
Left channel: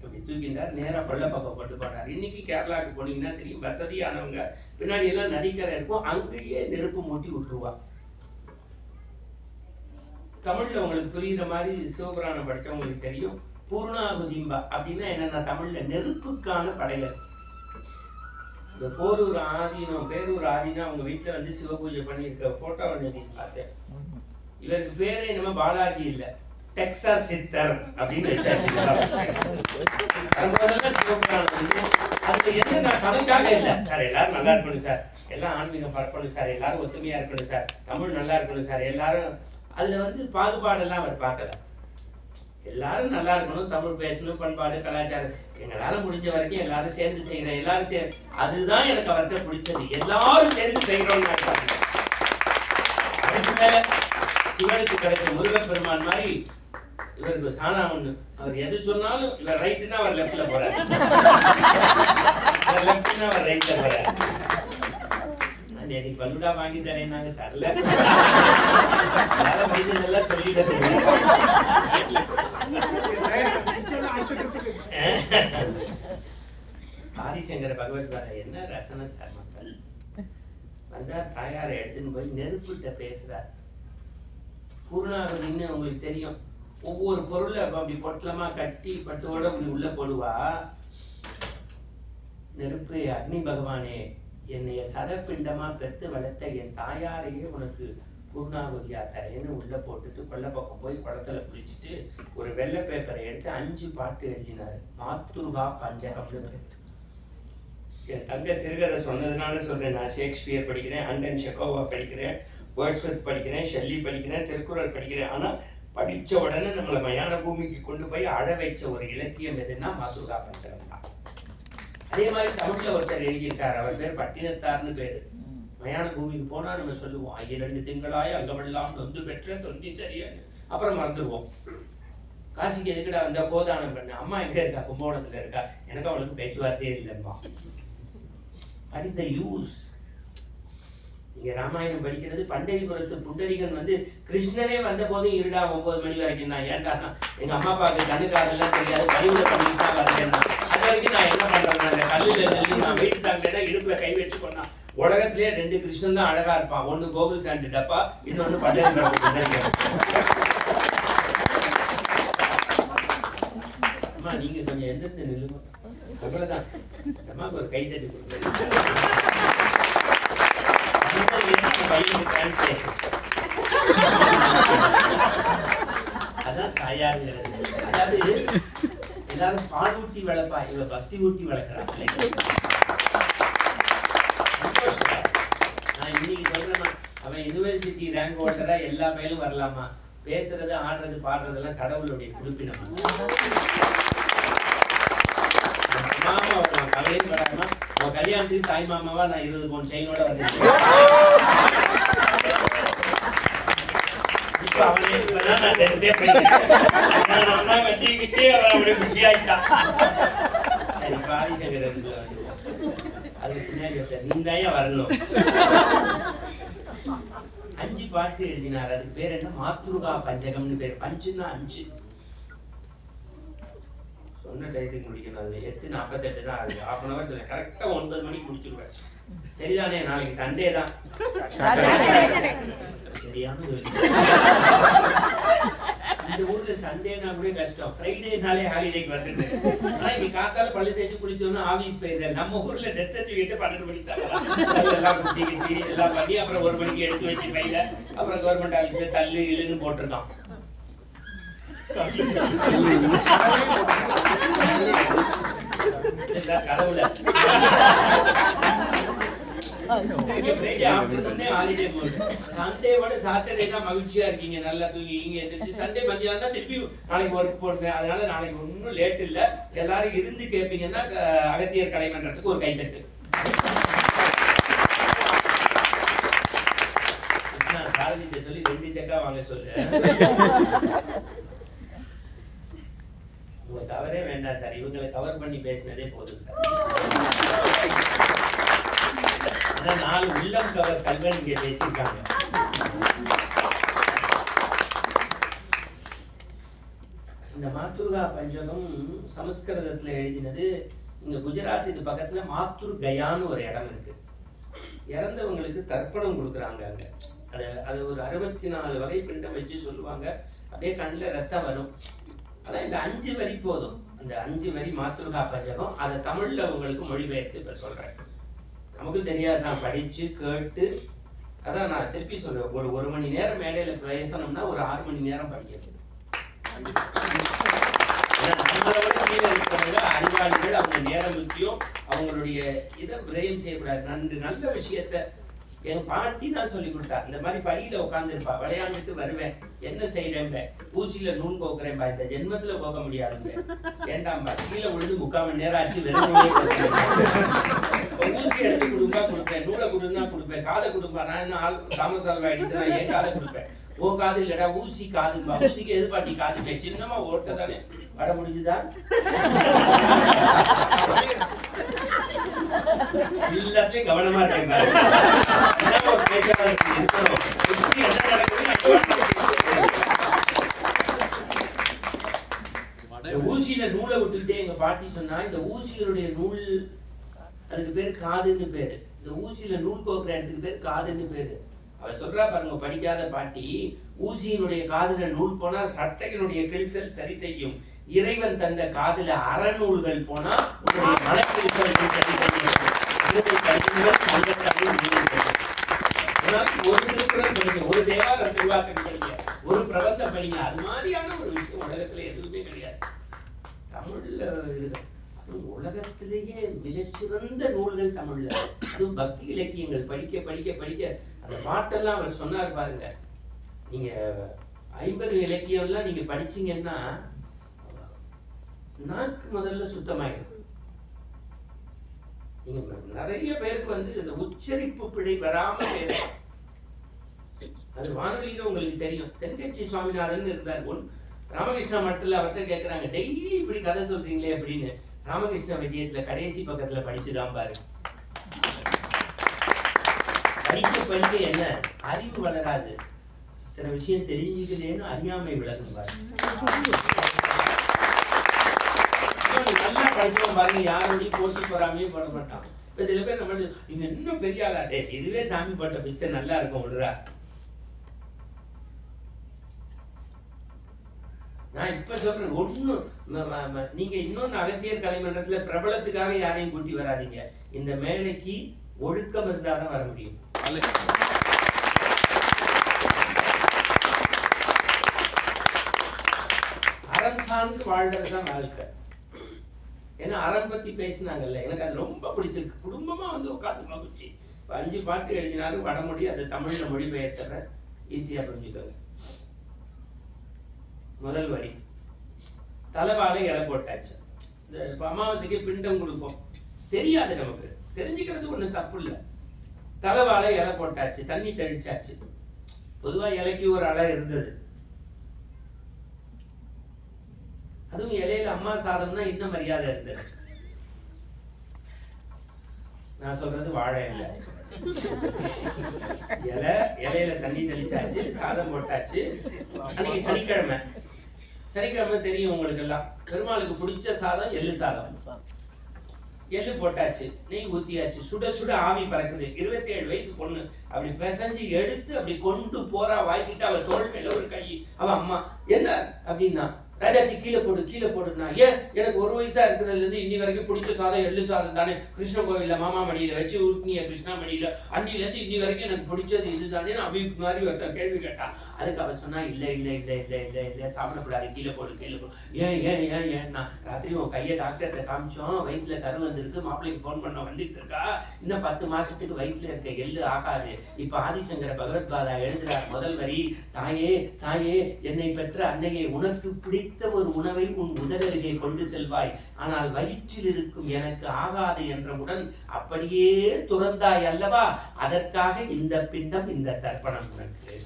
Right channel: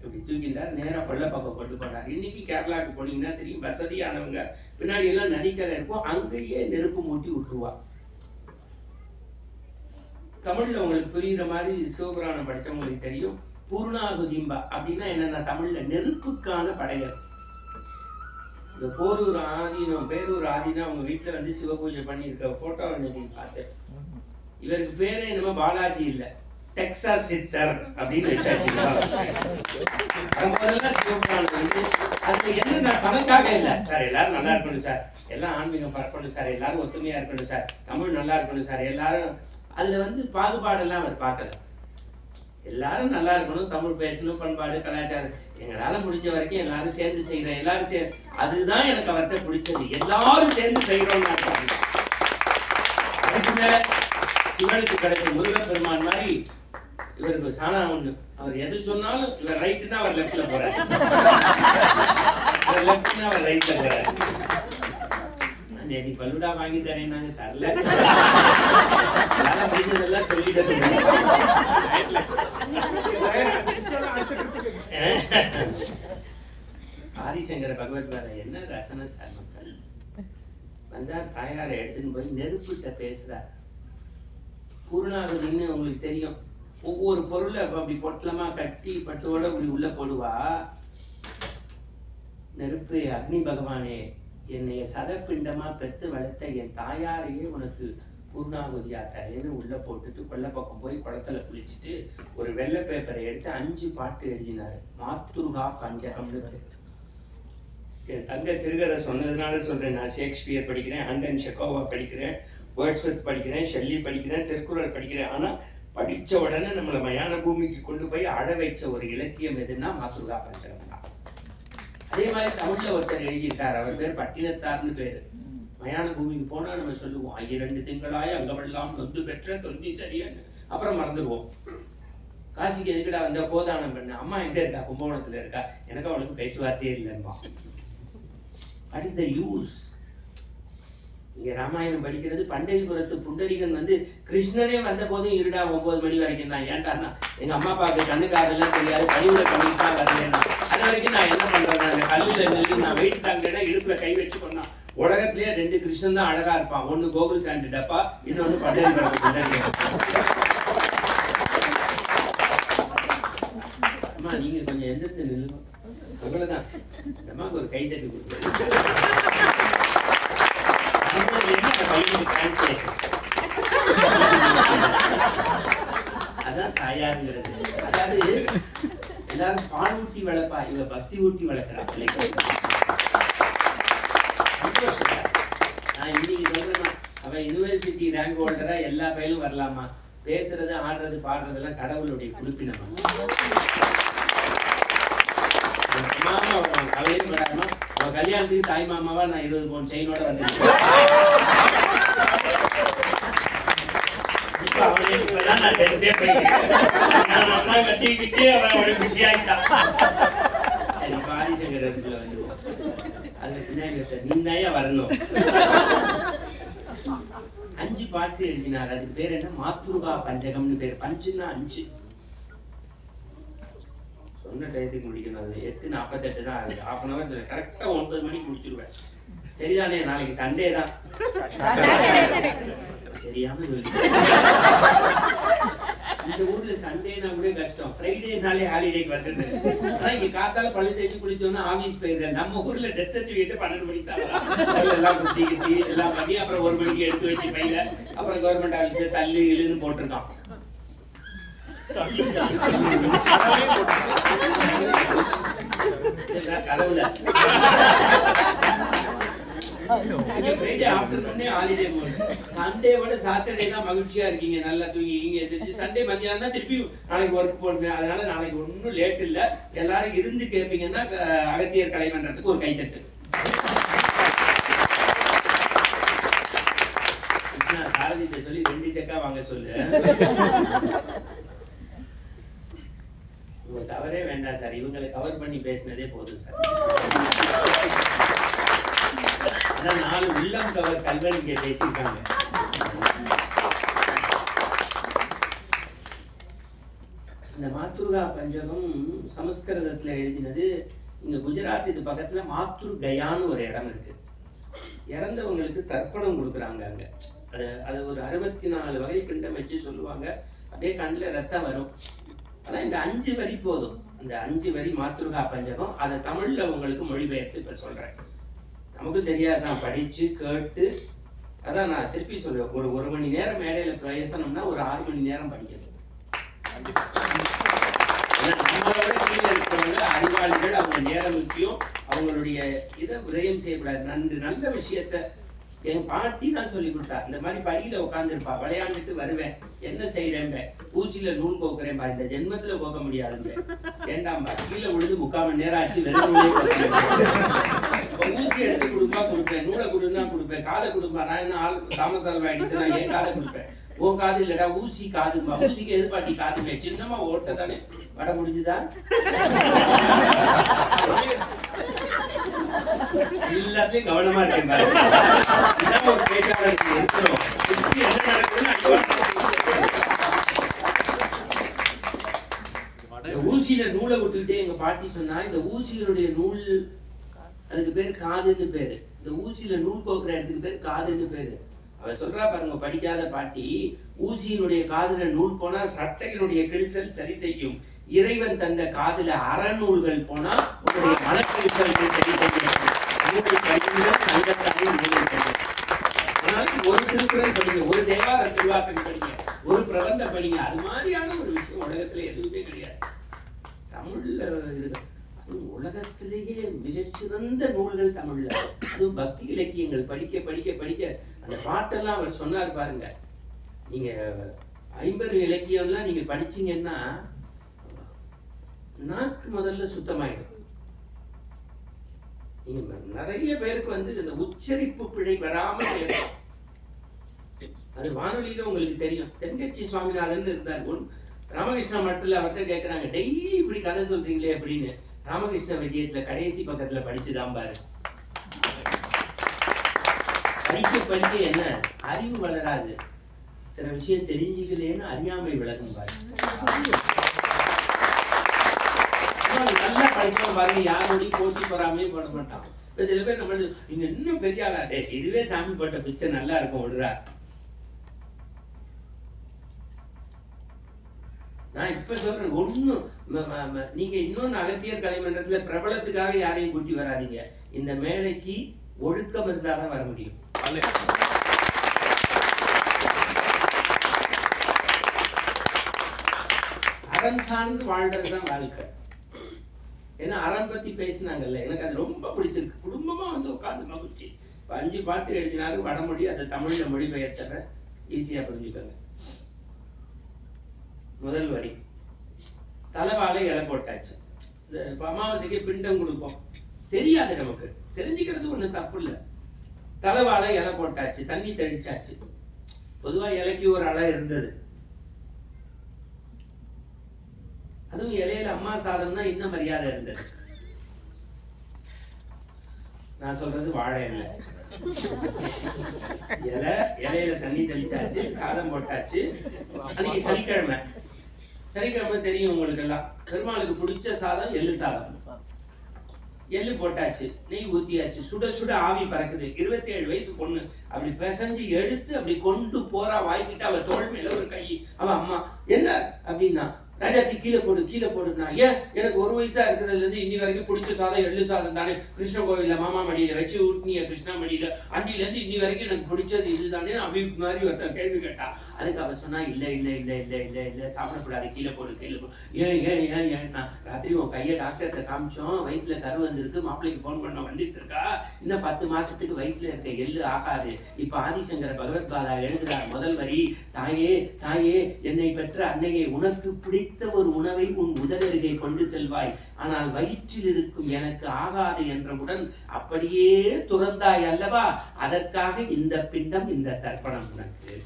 அப்படி தூக்கிட்டார். நேரம் கொல்ல பக்கம் கொண்டு போனார். இன்னைக்கு கேரளாவுக்கு போனீங்கன்னா தெரியும், வசதியானவங்க பின்னாடி எல்லாம் நதிக்கரை இருக்கும், அங்கேயே நெருப்பு மூட்டி விட்டுருவா. தமிழ்ல உங்களுக்கு புரியுற மாதிரி சிவபுராணம் படிச்சவங்களுக்கு தெரியும். பூர்ணாகுதிம்பா அப்படின்னா என்னன்னா, தமிழ்ல நெருப்புக்கான படைகள். இந்த போரூர் ஆதீனம், பேரூர் ஆதீனம் அவங்க வீட்டுல வந்து சிவ பூஜை பண்ணியிருக்க போட்டோ அன்னைக்கு பார்த்தேன். இவருக்கு பேரே என்னமோ பாலாஜி இல்ல, டெக்சாஸ் சித்தர் அப்படின்னு வச்சாச்சு. சிவபுராணம் வந்து அதுக்கு என்ன, நான் பணக்காக இல்லை சார், எல்லாரும் நல்லா இருக்கணும் சார், எல்லாம் ஆன்மீகம் பரப்பணும் சார், எல்லாரும் ஒத்துமையா இருக்கணும் சார், தமிழ் நல்லா இருக்கணும் சார், எல்லாரும் அதுல வந்து பாகுபாடெல்லாம் அவர் பார்க்கல. எல்லாரும் நல்லா இருக்கணும், தமிழ் பேசணும், பண்பாடு கலாச்சாரம், எங்களால முடிஞ்ச வரைக்கும் எல்லாரும் சேர்ந்து செய்யறேன், எல்லாரும் அதுதான் எனக்கு அவர்கிட்ட பிடிச்சது. எல்லாரும் சேர்ந்து செய்யறோம். அதுக்கு மேல சிவனுக்கு கிடைச்ச முருகப்பெருமான் மாதிரி இவருக்கு சாணா ஒண்ணு. அவர் எது சொன்னாலும் இவர் ரைட்டுன்னா அவர் லெப்ட்ல போறாரு, லெப்ட்னா அவர் ரைட்ல போறாரு. நீ பல்லுடா வாங்கி தரேன், நாங்க தரல, முடிஞ்சதெல்லாம் சொல்லிட்டு. ஆதிசங்கர பகவத் பாதா என்ன ரசன சர்மங்கள் வந்தார். தாயாரை எடுத்துன்னு போய் நெருப்புட்ட பேசுறார். பூர்ணாகுதின்னு உங்களுக்கு தெரியும், ஒவ்வொரு பொருளை அப்படி பொட்டலமா கட்டி பட்டோட அப்படி உள்ள போடுவா. நெருப்பு, அக்னி பகவானே, என்னைய சதப்பிண்டமா பெத்து வளர்த்த என் தாயாரையே உனக்கு பூர்ணாகுதியா தரேன்னு உள்ள போட்டுட்டு கொல்ல பக்கம் போய் குளத்துல குளிச்சுட்டு ஒரு வெள்ளை பேப்பரை எடுத்து 5 பாட்டு எழுதினாரு. மாத்துருகா பஞ்சகம்னு பேர். என் தங்க சிறுகதை சொன்னதுனால சொல்றேன். நான் ஷேக்ஸ்பியர் படிக்கிறேன், அண்டன் செக்கோவா படிக்கிறேன், வேர்ட்ஸ்வொர்த் படிக்கிறேன், ஷெல்லி படிக்கிறேன், திருக்குறள் படிக்கிறேன். ஆனா படிச்ச உடனே நம்மளை மயான பூமிக்கு கொண்டு போய் அழ வைச்ச ஒரு இலக்கியம் எதுன்னா மாத்துருகா பஞ்சகம் தான். அதே மாதிரி தமிழ்ல ஒருத்தர் எழுதியிருக்காரு, அவர் பேர் பட்டினத்தார்னு பேரு. மயான பூமிக்கு போனா நம்ம சொல்லுவோம், 2 திங்களாய் அங்கவெல்லாம் நொந்து பெற்ற தொந்தி சரியான்னு, அப்புறம் மறந்துடுவோம். காசிக்கு எதுக்குடா வந்தா? கோதானம் பண்ண. அம்மா எங்க இருக்கா? கும்பகோணத்துல இருக்கா. எனக்கு அவளுக்கு பேச்சுவார்த்தையே இல்லைம்மா. What is the use? இங்க ராமாயணம் படிக்கிறது. பண்டரிபுரத்து புண்டரிகன் வந்து கிருஷ்ணனே வந்த போதும் இருடா 9 மணி வரைக்கும் தான். ஏன்டானா எங்க அம்மா அப்பாவுக்கு கண்ணுக்காரெல்லாம் தெரியாது, பழிவுல கம்மி தான் வரலன்னா. அது வரைக்கும் நான் என்ன பண்றேன், அந்த கல்லுல நெல்லி நான் வெயிட் தாங்கலைன்னா இடுப்புல கை வச்சு பண்ணா. உலகத்திலேயே 2 கிருஷ்ணன் தான் அழகா இருப்பான். ஒன்னு கோகுல் சாண்டு டப்பா, இன்னொன்னு பண்டரிபுரத்து புண்டரிகன். அம்மா நீங்க கொஞ்சம் எந்திரத்து நில்லுங்க. அவ்வளவுதான். அம்மாவுக்கு ஒரு கை தட்டி கொடுக்குறேன். அதான் தாயாருங்கிறது. அதாவது எல்லாரும் பால் ஊட்டி வளர்ப்பா, இவ பக்தி ஊட்டி வளர்க்கிறா பிள்ளைங்க. நான் இன்னைக்கு சொல்றேன், அவன் யூனிவர்சிட்டி ரேங்க் ஹோல்டரா எல்லா பயிலும் வரலாமா. பேசுறது ஆடுறது பாடுறதெல்லாம் கடவுளுடைய குறிப்பினமா. மாமா அவன் கவலையே படாம அவன் கல்யாணத்துக்கு தாய் மாமாவா நான் 20 பவுன் செயினோட வந்திருக்கேன். இப்ப அவனே இப்பதான் நான் 10th படிக்கிறேன். கட்டிக்கிட்டே அவன் அவனுடைய குஷி ஆகிட்டான். சரி பாரிசங்கர் இடத்துல வந்து அது பின்னாடி நீ தான் வரணும். 5 பாட்டு எழுதினார். அதுக்கு பேர் என்ன? மாத்ருகா பஞ்சகம்னு பேர். பஞ்சுன்னா 5. சொன்ன டயத்துக்கு முடிக்கணும். அது 8:48 தான் ஆகுது. 1/2 hour கரெக்டா 9 மணிக்கு முடிச்சிருவேன். சரிதானே? நாளைக்கு சண்டே தான். தெரியாம இந்த ஊர்ல சண்டேனா கூட கஷ்டம். ஃப்ரைடேனாலே ஹாலிடேக்கு வந்துடுது. ஆனா இங்க காத்தால பள்ளி தேய்ச்சி குளிச்சோன்னா ஆபீஸ் போயிடுறேன். நம்ம ஊர்ல டெத் சர்டிபிகேட் 12 மணிக்கு தான் எல்லாம் குத்தி கிட்டி எல்லாம் பண்ணி அப்புறம் 1 மணிக்கு எடுத்து வச்சு பையில அப்புறம் கவர்மெண்ட் ஆபீஸ்ல தள்ளு இழுன்னு போட்டிருக்கோம். கதவுல ஃப்ரைடே ஆஃப்டர்நூனே ஹாலிடே மோட். சண்டேவோட சாட்டர்டே தான் மகிழ்ச்சியா இருக்கீங்க, நல்லா தூங்கிங்க எந்திரிச்சு. சண்டே மத்தியானம் தான் திருப்பி நாளைக்கு ஒர்க் போடுவேன். அதனால நாளைக்கு ஒன்றும் லேட் இல்லை. எல்லாரும் இருந்து கேட்பீங்கன்னா அகத்தியர் கலைமன்றத்துக்கு ஒரு கைத்தட்டு. சாரதிட்ட சொல்லி 2 செக்கா வாங்க சொல்லு. இவங்க கவரே வேண்டாம் சார், இவங்களை கவர் பண்ணி பேசினதே போதும் சார். அதான் 4 உள்ளம் கவர் கல்வன் இங்க பேசியிருக்காங்க. இந்த மாத்ருகா பஞ்சகம் சமஸ்கிருதத்துல எழுதினது. இங்க குஜராத்துக்கு பக்கத்துல மாத்ருகயான்னு ஒரு இடம் இருக்கு. இறந்தவங்களுக்கு தர்ப்பணம் கொடுக்குறாங்க அங்க. அது ஒரு 64 வகை பிண்டம் வச்சு சொல்லுவாங்க. அப்படியே கண்ணில் ரத்தம் வரும். அதான் இந்த 5 வரி போதும். இந்த 5 வரி மாத்ருகா பஞ்சகம். அதை தமிழ்ல உங்களுக்கு மொழிபெயர்த்து இப்ப சொல்றேன். நமக்கு தெரியாது, நான் படிச்சு கேட்டு. அதான் நான் திருப்பி சொல்றேன், ஒரு மணி நேரம் மேடையில பிரயசனம்னா ஒரு 6 மணி நேரம் படிக்கணும். நம்மளோட கீழே இருக்கிறவங்க அறிவாளிகள், அவங்க நேரம் முக்கியம். அவங்களுடைய இதை விரயம் செய்யக்கூடாது. நல்ல விஷயத்த என் பாட்டி தான் சொல்லி கொடுத்தா. இந்த மாதிரி படியில உட்காந்துருப்பா, விளையாண்டுட்டு வருவேன். என்ன செய்யறேன்? ஊசியில நூல் கோக்குறேன்பா. இந்த ஜென்மத்துல கோக்க முடியாது. ஏண்டாம்பா கீழே விழுந்து 3/4 மணி நேரம் ஆச்சு. வெறும் ஊசி எடுத்து கொடுப்பா கொடுப்பேன், நூலை கொடுன்னா கொடுப்பேன், காதை கொடுப்பா. நான் என்ன ஆள் தாமஸ் ஆல்வா எடிசன் ஏன் காதை கொடுப்பேன்? ஓ காது இல்லடா ஊசி காதும்பா. ஊசிக்கு எது பாட்டி காதுமே? சின்னமா ஓட்ட தானே வட முடிஞ்சுதா? எல்லாத்தையும் கவனமா இருக்கேன். ஒரு பேச்சாளர் இருக்கணும். என்ன நடக்குதுன்னு ஊசியில நூலை விட்டுக்கிட்டே எங்க பாட்டி சொன்னா, இந்த ஊசிகளுடைய நூல் அதுக்கு பேரு காதுன்னு பேரு. இந்த ஊசியில நூல் கோக்குற இடத்துக்கு பேரு காதுன்னு பேரு. அவ சொல்றா பாருங்க, படிக்காத பாட்டி, ஊசியினுடைய காதுல நூல் போனா சட்டையினுடைய கிழிசல் சரி செய்யும். இறைவன் தந்த காதுல அறநூல்கள் போனா உன்னுடைய மனக்கிழிசல் சரி செய்யும். ஒரு திருக்குறள் படிங்க, ஒரு தேவார திருவாசகம் படிங்க, ஒரு பிரபந்தம் படிங்க. அது மாதிரியான ஒரு விஷயம் உலகத்துல எதுவுமே கிடையாது. தமிழ்ல இருக்கு. உலகத்திலேயே மிகச்சிறந்த நூல்கள் தமிழ்ல. அதுவும் பக்தி இலக்கியங்கள் படிக்க படிக்க படிக்க அந்த பாட்டெல்லாம் அவர் சொன்னார் பாருங்க. நீங்க 50 இலக்கியம்லாம் நீங்க படிச்சீங்கன்னா நாக்கு முதல்ல சுத்தமாயிடும். நீங்க நிறைய பேருக்கு வந்து இந்த உச்சரிப்பு பிழை வராம பேசலாம். அது வானொலியில உங்களுக்கு தெரியும். தென்கட்சி சுவாமிநாதன் இருந்தார். ராமகிருஷ்ண மட்டில் அவர்கிட்ட கேட்குறாங்க, டெய்லி இப்படி கதை சொல்றீங்களே அப்படின்னு. ராமகிருஷ்ண விஜயத்துல கடைசி பக்கத்துல படிச்சுதான் பாரு. படிக்க படிக்க என்ன அறிவு வளராது, சில விஷயம் தெரிஞ்சுக்கலேன்னு அறியாமை விளக்கும் பாரு. நல்லா படிச்சவன் பாருங்க, யாரோடையும் போட்டி போறாமே போட மாட்டான். இப்ப சில பேர் நம்ம நீங்க இன்னும் பெரிய ஆளாட்டே, இதுவே சாமி போட்ட பிச்சை நல்லா இருக்கும் விடுறா. நான் இப்ப சொல்றேன், ஒண்ணும் நீங்க இன்னொன்னு அகத்தியர் கலைமன்றத்துல பிரபலத்துக்காக யாரையும் கூட்டி வராதீங்க. இந்த மேடைக்கு ஒழுக்கம் இருந்தாதான் வர முடியும். அறம் சார்ந்து வாழ்றதுதான் வாழ்க்கை. ஏன்னா அறம் பத்தி பேசினாங்கல்ல, எனக்கு அது ரொம்ப பிடிச்சிருக்கு. குடும்பமா வந்து உட்காந்து மகிழ்ச்சி. 5 பாட்டு எழுதினாலும் வடமொழி, அதை தமிழ்ல மொழிபெயர்த்தற ஈஸியா புரிஞ்சுக்கோங்க. முதல் வரி, தலைவாழை இலை போட்டாச்சு. இந்த அமாவாசைக்கு பிண்டம் கொடுப்போம், தெரியாது நமக்கு, தெரிஞ்சுக்கிறது ஒண்ணு தப்பு இல்லை. தலைவாழை இலை போட்டாச்சு, தண்ணி தெளிச்சாச்சு. பொதுவா இலைக்கு ஒரு அலை இருந்தது. அதுவும் இலையில அம்மா சாதம்னா இன்னும் மரியாதை இருந்தது. நான் சொல்றது வாழை இல்லை. இலையில தண்ணி தெளிச்சாச்சு, சாதம் போட்டாச்சு. அன்னைக்கு சனிக்கிழமை. சனிக்கிழமை தெரியும் உங்களுக்கு எல்லாம், பெருமாளுக்கு பிடிச்ச சாதம் எள்ளு சாதம். எள்ளு போட்டாச்சு, நெய் ஊத்தியாச்சு, சுட சுட ஆவி பறக்குது. 27 வயசு பொண்ணு அப்படி பிசைஞ்சு எடுத்து அப்படி கொண்டு போறா வாய்க்கிட்டு. அவ தோள் மேல ஒரு கை. அவ அம்மா என்ன அப்படின்னா, ராஜாத்தி கீழே போடு கீழே போடுனா. ஏன், எனக்கு 1 வயசா இருக்கிறதுல இருந்து இன்னி வரைக்கும் பிடிச்ச சாதம் எள்ளு சாதம் தானே. கிருஷ்ண கோவில்ல மாமா மடியில வச்சு ஊட்டினிய கிருஷ்ணா மடியில, அன்னில இருந்து இன்னி வரைக்கும் எனக்கு பிடிச்சது இதுதானே அப்படி மாதிரி ஒருத்தர் கேள்வி கேட்டா. அதுக்கு அவ சொன்னா, இல்ல இல்ல இல்ல இல்ல இல்ல இல்ல சாப்பிடக்கூடாது, கீழே போடு கீழே போடு. ஏன் ஏன் ஏன் ஏன்னா, ராத்திரி உன் கையை டாக்டர்கிட்ட காமிச்சோம், வயிற்றுல கரு வந்திருக்கு, மாப்பிள்ளைக்கு போன் பண்ண வந்துட்டு இருக்கா, இன்னும் 10 மாசத்துக்கு வயிற்றுல இருக்க எள்ளு ஆகாது. இப்ப ஆதிசங்கர பகவத்பாதா எழுதுறார் முதல் வரி, தாயே தாயே என்னை பெற்ற அன்னையே, உனக்கு பிடித்த ஒரு உணவை உன் உதடருகே கொண்டு செல்வாய், ஆனால் வயிற்றில் இருக்கும் எனக்கு ஆகாது என்றவுடன் அப்படியே துறந்தாய் அல்லவா, அதற்காக இந்த பிண்டம், இந்த தர்ப்பணம் உனக்கு.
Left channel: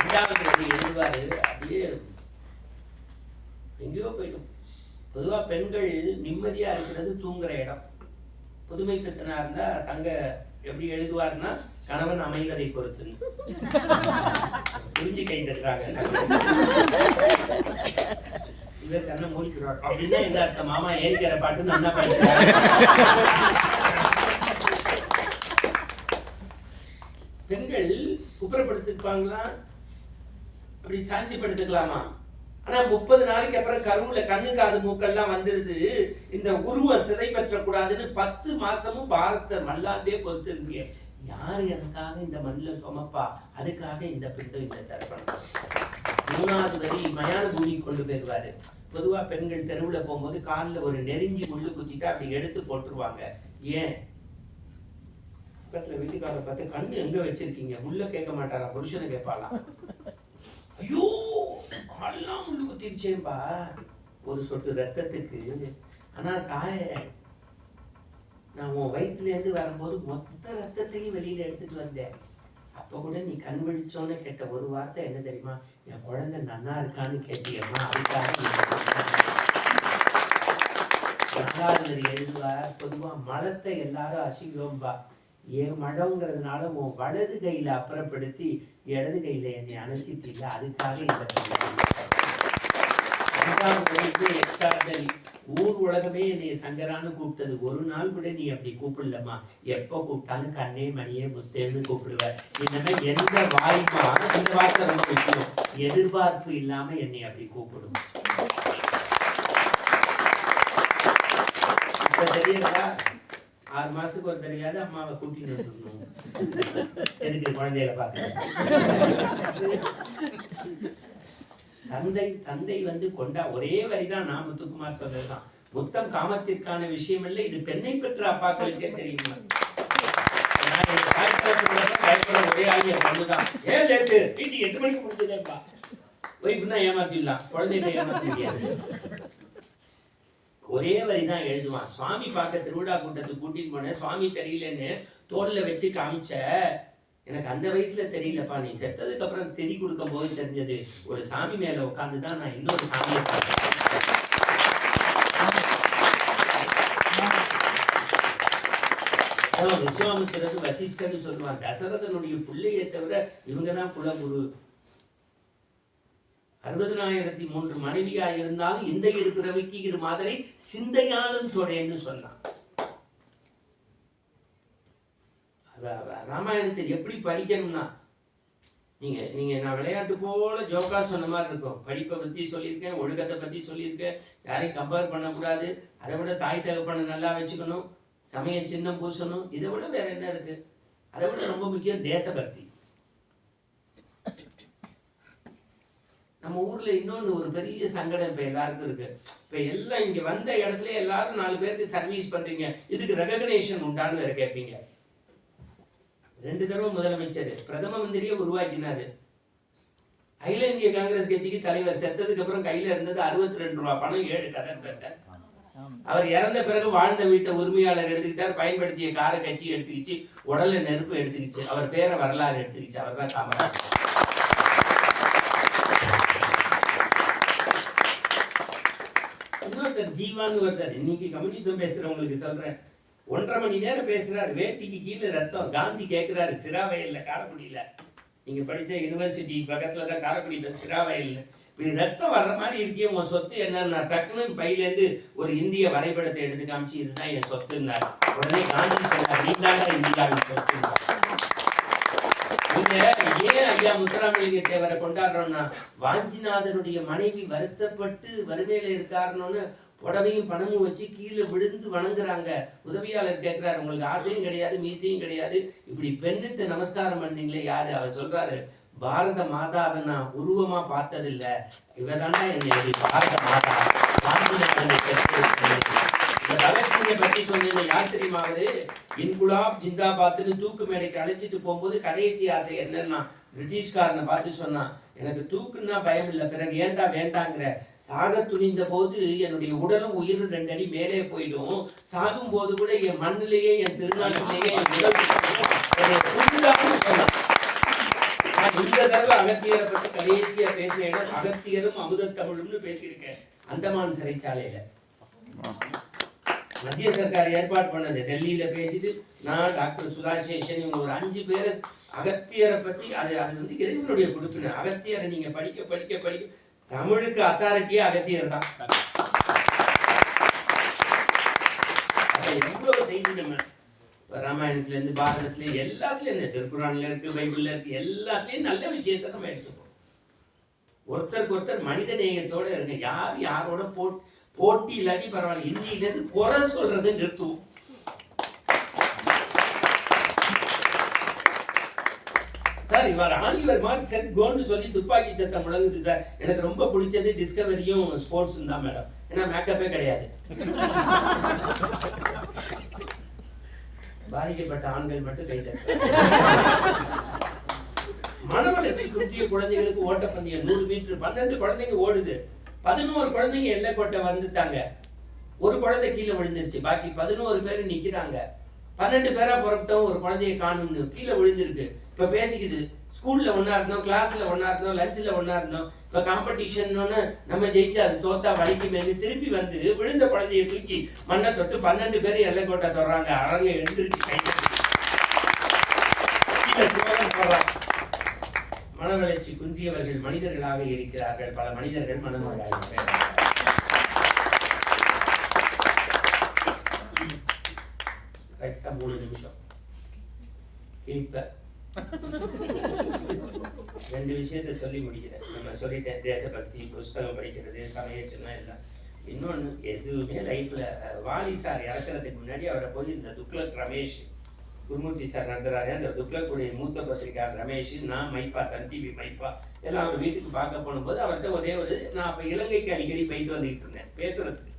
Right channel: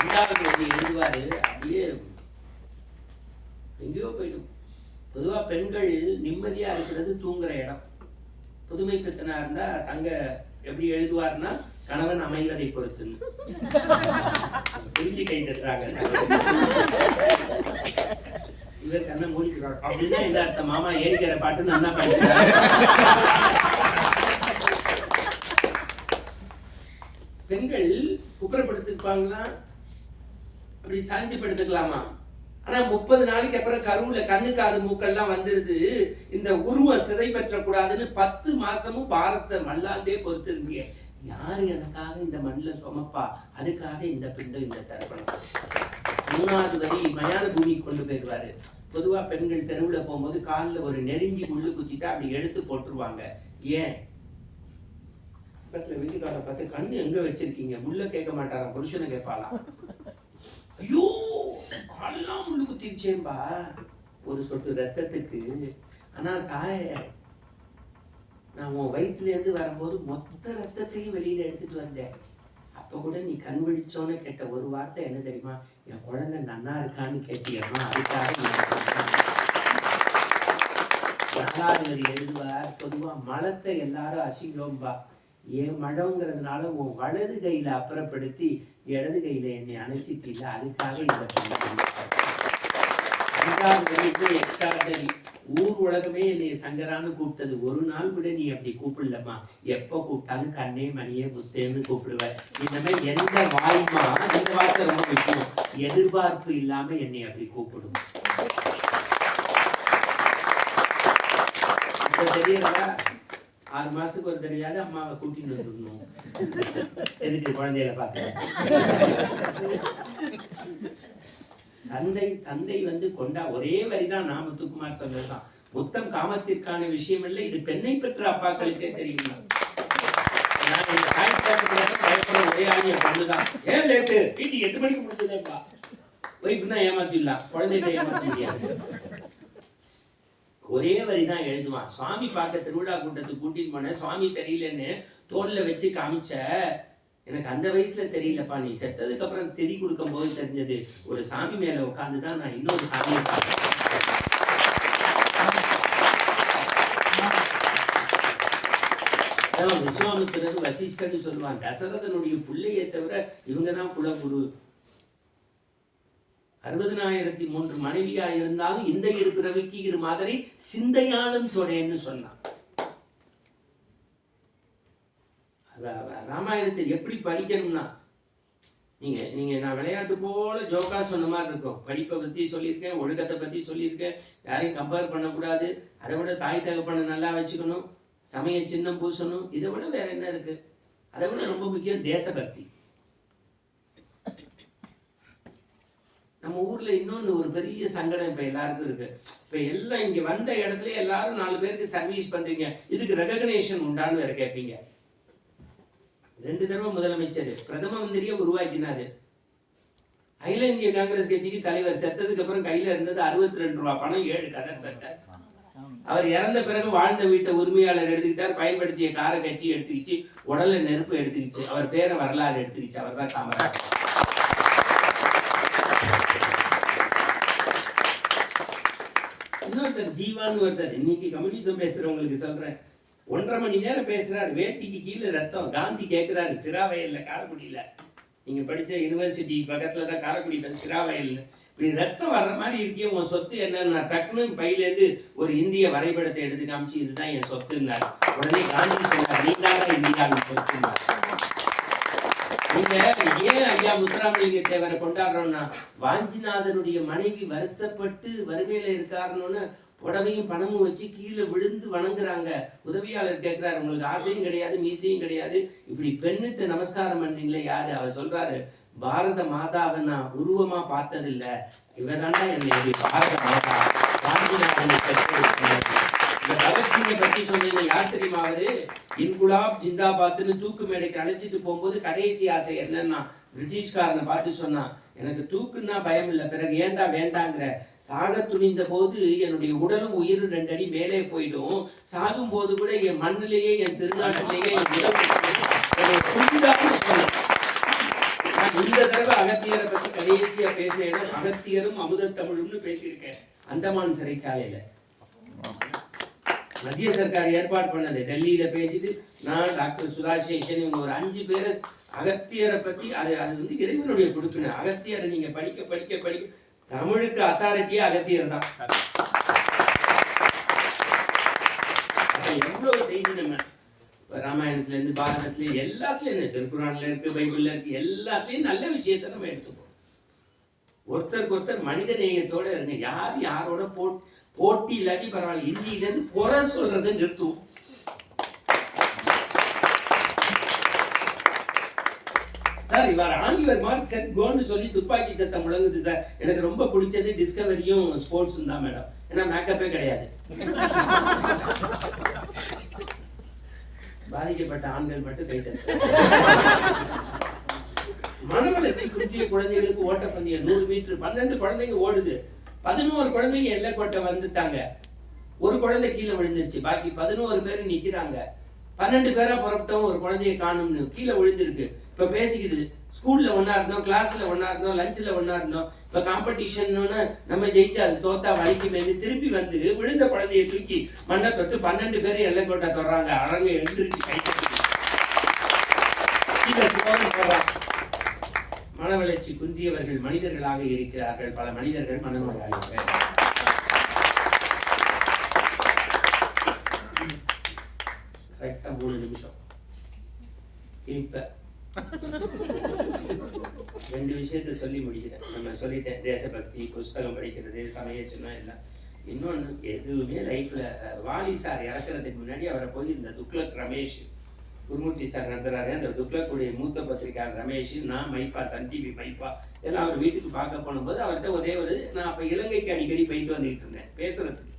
2வது வரி எழுதுவாரு, அப்படியே எங்கேயோ போயிடும். பொதுவா பெண்கள் நிம்மதியா இருக்கிறது தூங்குற இடம். புதுமை பித்தனா இருந்தா தங்க எப்படி எழுதுவார்னா, கணவன் அமைவதை பொறுத்து. புரிஞ்சு கை தட்டுறாங்க. இவர் கண்ணை மூடிக்கிறார் அப்படின்னா இந்த அர்த்த மாமா ஏறிக்கிற பாட்டு நல்லா படிக்கிறார். பெண்கள் குப்புறப்படுத்திருப்பாங்களா, அப்படி சாஞ்சி படுத்துக்கலாமா? ஆனா 30 நாளைக்கு அப்புறம் கருவுல கண்ணு காது மூக்கெல்லாம் வந்துருது. இந்த உருவம் சிதை பெற்றக்கூடாதுன்னு 10 மாசமும் பாரத்தை மல்லாண்டே பொறுத்து இருந்தீங்க. யாரு எனக்காக இந்த மண்ணில் சுமப்பா, அதுக்காக இந்த பிண்டம், இந்த தர்ப்பணம். 3வது வரி மயான பூமிக்கு கொண்டு போயிடுவாரு. பொதுவா பெண்கள் தெருவுல போகும்போது காலில் ஒரு நெருங்கி முள்ளு குத்திட்டா அப்படி எடுத்து போட்டுருவாங்க. ஏன், பக்கத்துல வீட்டுக்காரரை பார்த்து, கண்ணு எங்க வச்சிருக்கீங்க, முள்ள கேட்க மாட்டாரா, புருஷனை கேட்பாளா. ஐயோ காலெல்லாம் முள்ளு குத்திருச்சேன்பா, ஒரு சொட்டு ரத்தத்துக்கு. ஆனா தாயே, நான் உன் வயிற்றுல இருந்து வரும்போது மொத்த ரத்தத்தையும் வெளியில எடுத்துட்டு வந்தேன். அப்ப கூட நீ கண் விழிச்சோன்னு கேட்ட ஒரு வார்த்தை என்ன தெரியுமா, என் குழந்தை நன்னா இருக்கான்னு கேட்டியம்மா, அதுக்காக. 4வது வரி எழுதுவார், பொதுவா மலத்தை எல்லாரும் அசிங்கம்பா, என் மழங்கிறதுனால உன் வலது கையில அப்புறப்படுத்தி இடது கையில என்னை அணைச்சிட்டீங்க, அதுக்காக இந்த 5வது வரைக்கும் எக்ஸ்ட்ராடனரி. ஊர் உலகமே என்னை சங்கரான்னு கூப்பிட்டது, ஒரு நாள் கூட நீ அப்படி கூப்பிடலம்மா, எப்ப கூப்பிட்டாலும் கண்ணே மணியே முத்தேன்னு கூப்பிடுவ. இந்த மாதிரி எந்த வாய்மா இந்த வார்த்தை ரொம்ப முக்கியம், எதிர்பார்ப்பு இல்லாம என்னை அப்படி கூப்பிடும். இப்ப தெரியலா, 6 மாசத்துக்கு ஒரு தெரியாது அம்மாவை கூட்டிட்டு வந்துடணும். எதுக்கு, குழந்தைகளை பார்த்து. தந்தை வந்து கொண்டா. ஒரே வரிதான் நான் முத்துக்குமார் சொன்னதுதான், முத்தம் காமத்திற்கான விஷயம் இல்லை, இது பெண்ணை பெற்ற அப்பாக்களுக்கே தெரியுமா. பயப்பட ஒரே ஆகிய பொண்ணுதான். ஏன் லேட்டு, வீட்டுக்கு 8 மணிக்கு முடிஞ்சதேப்பா. ஒய்ஃப் தான் ஏமாத்திடலாம், குழந்தைகளை ஏமாத்த முடியாது. ஒரே வரிதான் எழுதுவான். சுவாமி பார்க்க திருவிழா கூட்டத்துக்கு கூட்டிட்டு போனேன், சுவாமி தெரியலன்னு தோல்ல வச்சு காமிச்ச, எனக்கு அந்த வயசுல தெரியலப்பா, நீ செத்ததுக்கு அப்புறம் திதி கொடுக்கும் போது தெரிஞ்சது. ஒரு சாமி மேல உட்காந்துதான் நான் இன்னொரு சாமியை பார்த்தேன். விஸ்வாமித்திரர் வசிஷ்டர்னு சொல்லுவான். தசரதனுடைய பிள்ளையை தவிர இவங்கதான் குலகுரு. 60,003 மனைவியா இருந்தாலும் இந்த இரு பிறவிக்கு இரு மாதிரி சிந்தையாலும் தொடேன்னு சொன்னான். ராமாயணத்தை எப்படி படிக்கணும்னா, நீங்க நான் விளையாட்டு போல ஜோக்கா சொன்ன மாதிரி இருக்கும். படிப்பை பத்தி சொல்லியிருக்கேன், ஒழுக்கத்தை பத்தி சொல்லியிருக்கேன், யாரையும் கம்பேர் பண்ணக்கூடாது, அதை விட தாய் தகப்பனை நல்லா வச்சுக்கணும், சமய சின்னம் பூசணும், இதை விட வேற என்ன இருக்கு? அதை விட ரொம்ப முக்கியம் தேசபக்தி. நம்ம ஊர்ல இன்னொன்னு ஒரு பெரிய சங்கடம் இப்ப எல்லாருக்கும் இருக்கு. இப்ப எல்லாம் இங்க வந்த இடத்துல எல்லாரும் 4 பேருக்கு சர்வீஸ் பண்றீங்க, இதுக்கு ரெகக்னேஷன் உண்டான்னு வேற கேட்பீங்க. 2 தடவை முதலமைச்சர் பிரதம மந்திரியை உருவாக்கினாரு. அகில இந்திய காங்கிரஸ் கட்சிக்கு தலைவர். செத்ததுக்கு அப்புறம் கையில இருந்தது 62 ரூபாய் பணம், 7 கதர் சட்டை. அவர் இறந்த பிறகு வாழ்ந்த வீட்டை உரிமையாளர் எடுத்துக்கிட்டார், பயன்படுத்திய காரை கட்சி எடுத்துக்கிச்சு, உடல்ல நெருப்பு எடுத்துக்கிச்சு, அவர் பேரை வரலாறு எடுத்துக்கிச்சு. அவர் தான் காமராஜ். இன்னொருத்தர் ஜீவான்னு ஒருத்தர், இன்னைக்கு கம்யூனிசம் பேசுறவங்களுக்கு சொல்றேன், 1.5 மணி நேரம் பேசுறாரு, வேட்டிக்கு கீழே ரத்தம். காந்தி கேட்கிறாரு சிராவயல்ல, காரைக்குடியில, நீங்க படிச்ச யூனிவர்சிட்டி பக்கத்துல தான் காரைக்குடி, சிராவயல்ல, இப்படி ரத்தம் வர்ற மாதிரி இருக்கே, உன் சொத்து என்னன்னா, டக்குன்னு பையிலேருந்து ஒரு இந்திய வரைபடத்தை எடுத்து காமிச்சு, இதுதான் என் சொத்துன்னாரு. உடனே காந்தி சொன்னார், நீதாங்க இந்தியாவின் சொத்துன்னார். நீங்க ஏன் ஐயா முத்துராமலிங்க தேவரை கொண்டாடுறோம்னா, வாஞ்சிநாதனுடைய மனைவி வருத்தப்பட்டு வறுமையில இருக்காருன்னு புடவையும் பணமும் வச்சு கீழே விழுந்து வணங்குறாங்க. உதவியாளர் கேட்கிறாரு, உங்களுக்கு ஆசையும் கிடையாது, மீசையும் கிடையாது, இப்படி பெண்ணிட்டு நமஸ்காரம் பண்ணீங்களே யாரு? அவர் சொல்றாரு, பாரத மாதாவை நான் உருவமா பார்த்ததில்ல, இவதாண்டா என்னுடைய பாரத மாதா. இந்த பகத்சிங்கை பற்றி சொன்னீங்க, யார் தெரியுமா? அவரு இன்குலாப் ஜிந்தாபாத்னு தூக்கு மேடைக்கு அழைச்சிட்டு போகும்போது கடைசி ஆசை என்னன்னா, பிரிட்டிஷ்காரனை பார்த்து சொன்னான், எனக்கு தூக்குன்னா பயம் இல்லை, பிறகு ஏண்டா வேண்டாங்கிற, சாக துணிந்த போது என்னுடைய உடலும் உயிரும் 2 அடி மேலே போயிடும், சாகும் போது கூட என் மண்ணிலேயே என் திருநாட்டிலேயே என் உடல் சுண்டான்னு சொன்னேன். இந்த தடவை அகத்தியரை பத்தி கடைசியா பேசின இடம் அகத்தியரும் அமுத தமிழும்னு பேசியிருக்கேன். அந்தமான் சிறைச்சாலையில மத்திய சர்க்கார் ஏற்பாடு பண்ணது. டெல்லியில பேசிட்டு நான் டாக்டர் சுதாசேஷன் இவங்க ஒரு 5 பேர் அகத்தியரை பத்தி, அது வந்து இறைவனுடைய கொடுப்பின. அகத்தியரை நீங்க படிக்க படிக்க படிக்க தமிழுக்கு அத்தாரிட்டியே அகத்தியர் தான். எவ்வளவு செய்தி நம்ம ராமாயணத்துல இருந்து பாரதத்துல எல்லாத்துலயும், இந்த திருக்குறான்ல இருக்கு, பைபிள்ல இருக்கு, எல்லாத்துலயும் நல்ல விஷயத்த நம்ம எடுத்துப்போம். ஒருத்தருக்கு ஒருத்தர் மனித நேயத்தோட இருங்க. யார் யாரோட போட்டி இல்லாட்டி பரவாயில்ல, இந்தியில இருந்து குறை சொல்றதை நிறுத்துவோம். சார் இவர் ஆங்கிவர் மார்க் செட் கோன்னு சொல்லி துப்பாக்கி சத்தம் முழங்குது சார். எனக்கு ரொம்ப பிடிச்சது டிஸ்கவரியும் ஸ்போர்ட்ஸும் தான் மேடம். ஏன்னா மேக்கப்பே கிடையாது. பாதிக்கப்பட்ட ஆண்கள் மட்டும் கைத்தட்ட. மனவளர்ச்சி குன்றிய குழந்தைகளுக்கு ஓட்டப்பந்தயம் 100 மீட்டர் 12 குழந்தைங்க ஓடுது. 11 குழந்தைங்க எல்லைக்கோட்டை வந்துட்டாங்க. ஒரு குழந்தை கீழே விழுந்துருச்சு, பாக்கி 11 பேர் நிக்கிறாங்க. 12 பேரா புறப்பட்டோம், ஒரு குழந்தைய காணும்னு கீழே விழுந்திருக்கு. இப்ப பேசிக்குது, ஸ்கூல்ல ஒன்னா இருந்தோம், கிளாஸ்ல ஒன்னா இருந்தோம், லஞ்ச்ல ஒன்னா இருந்தோம், இப்ப காம்படிஷன் நம்ம ஜெயிச்சு அது தோத்தா வலிக்கு மேலே திருப்பி வந்து விழுந்த குழந்தைய தூக்கி மண்ணை தொட்டு 12 பேர் எல்லைக்கோட்டை தொடறாங்க. அரங்க எழுந்திருச்சு கை. மனவளர்ச்சி குன்றியவர்கள் மனிதர்களாக இருக்கிறார்கள். பல மனிதர்கள் மனநோயாளிகள். கரெக்டா 3 நிமிஷம் கிளிப்ப 2 விஷயத்த சொல்லி முடிக்கிறேன். நம்ம சொல்லிட்டேன், தேசபக்தி, புஸ்தகம் படிக்கிறது, சமய சின்னம் எல்லாம். இன்னொன்று எதுவுமே லைஃப்ல, வாலி சார் இறக்குறதுக்கு முன்னாடி அவரை போய் இந்த துக்ளக் ரமேஷ், குருமூர்த்தி சார் நடத்துறாரு, அந்த துக்ளக்குடைய மூத்த பத்திரிகையாளர் ரமேஷ், நான் மைப்பா, சன் டிவி மைப்பா எல்லாம் அவர் வீட்டுக்கு பார்க்க போகும்போது அவர்கிட்ட ஒரே ஒரு, நான் அப்போ இலங்கைக்கு அடிக்கடி போயிட்டு வந்துட்டு இருந்தேன் பேசுறதுக்கு.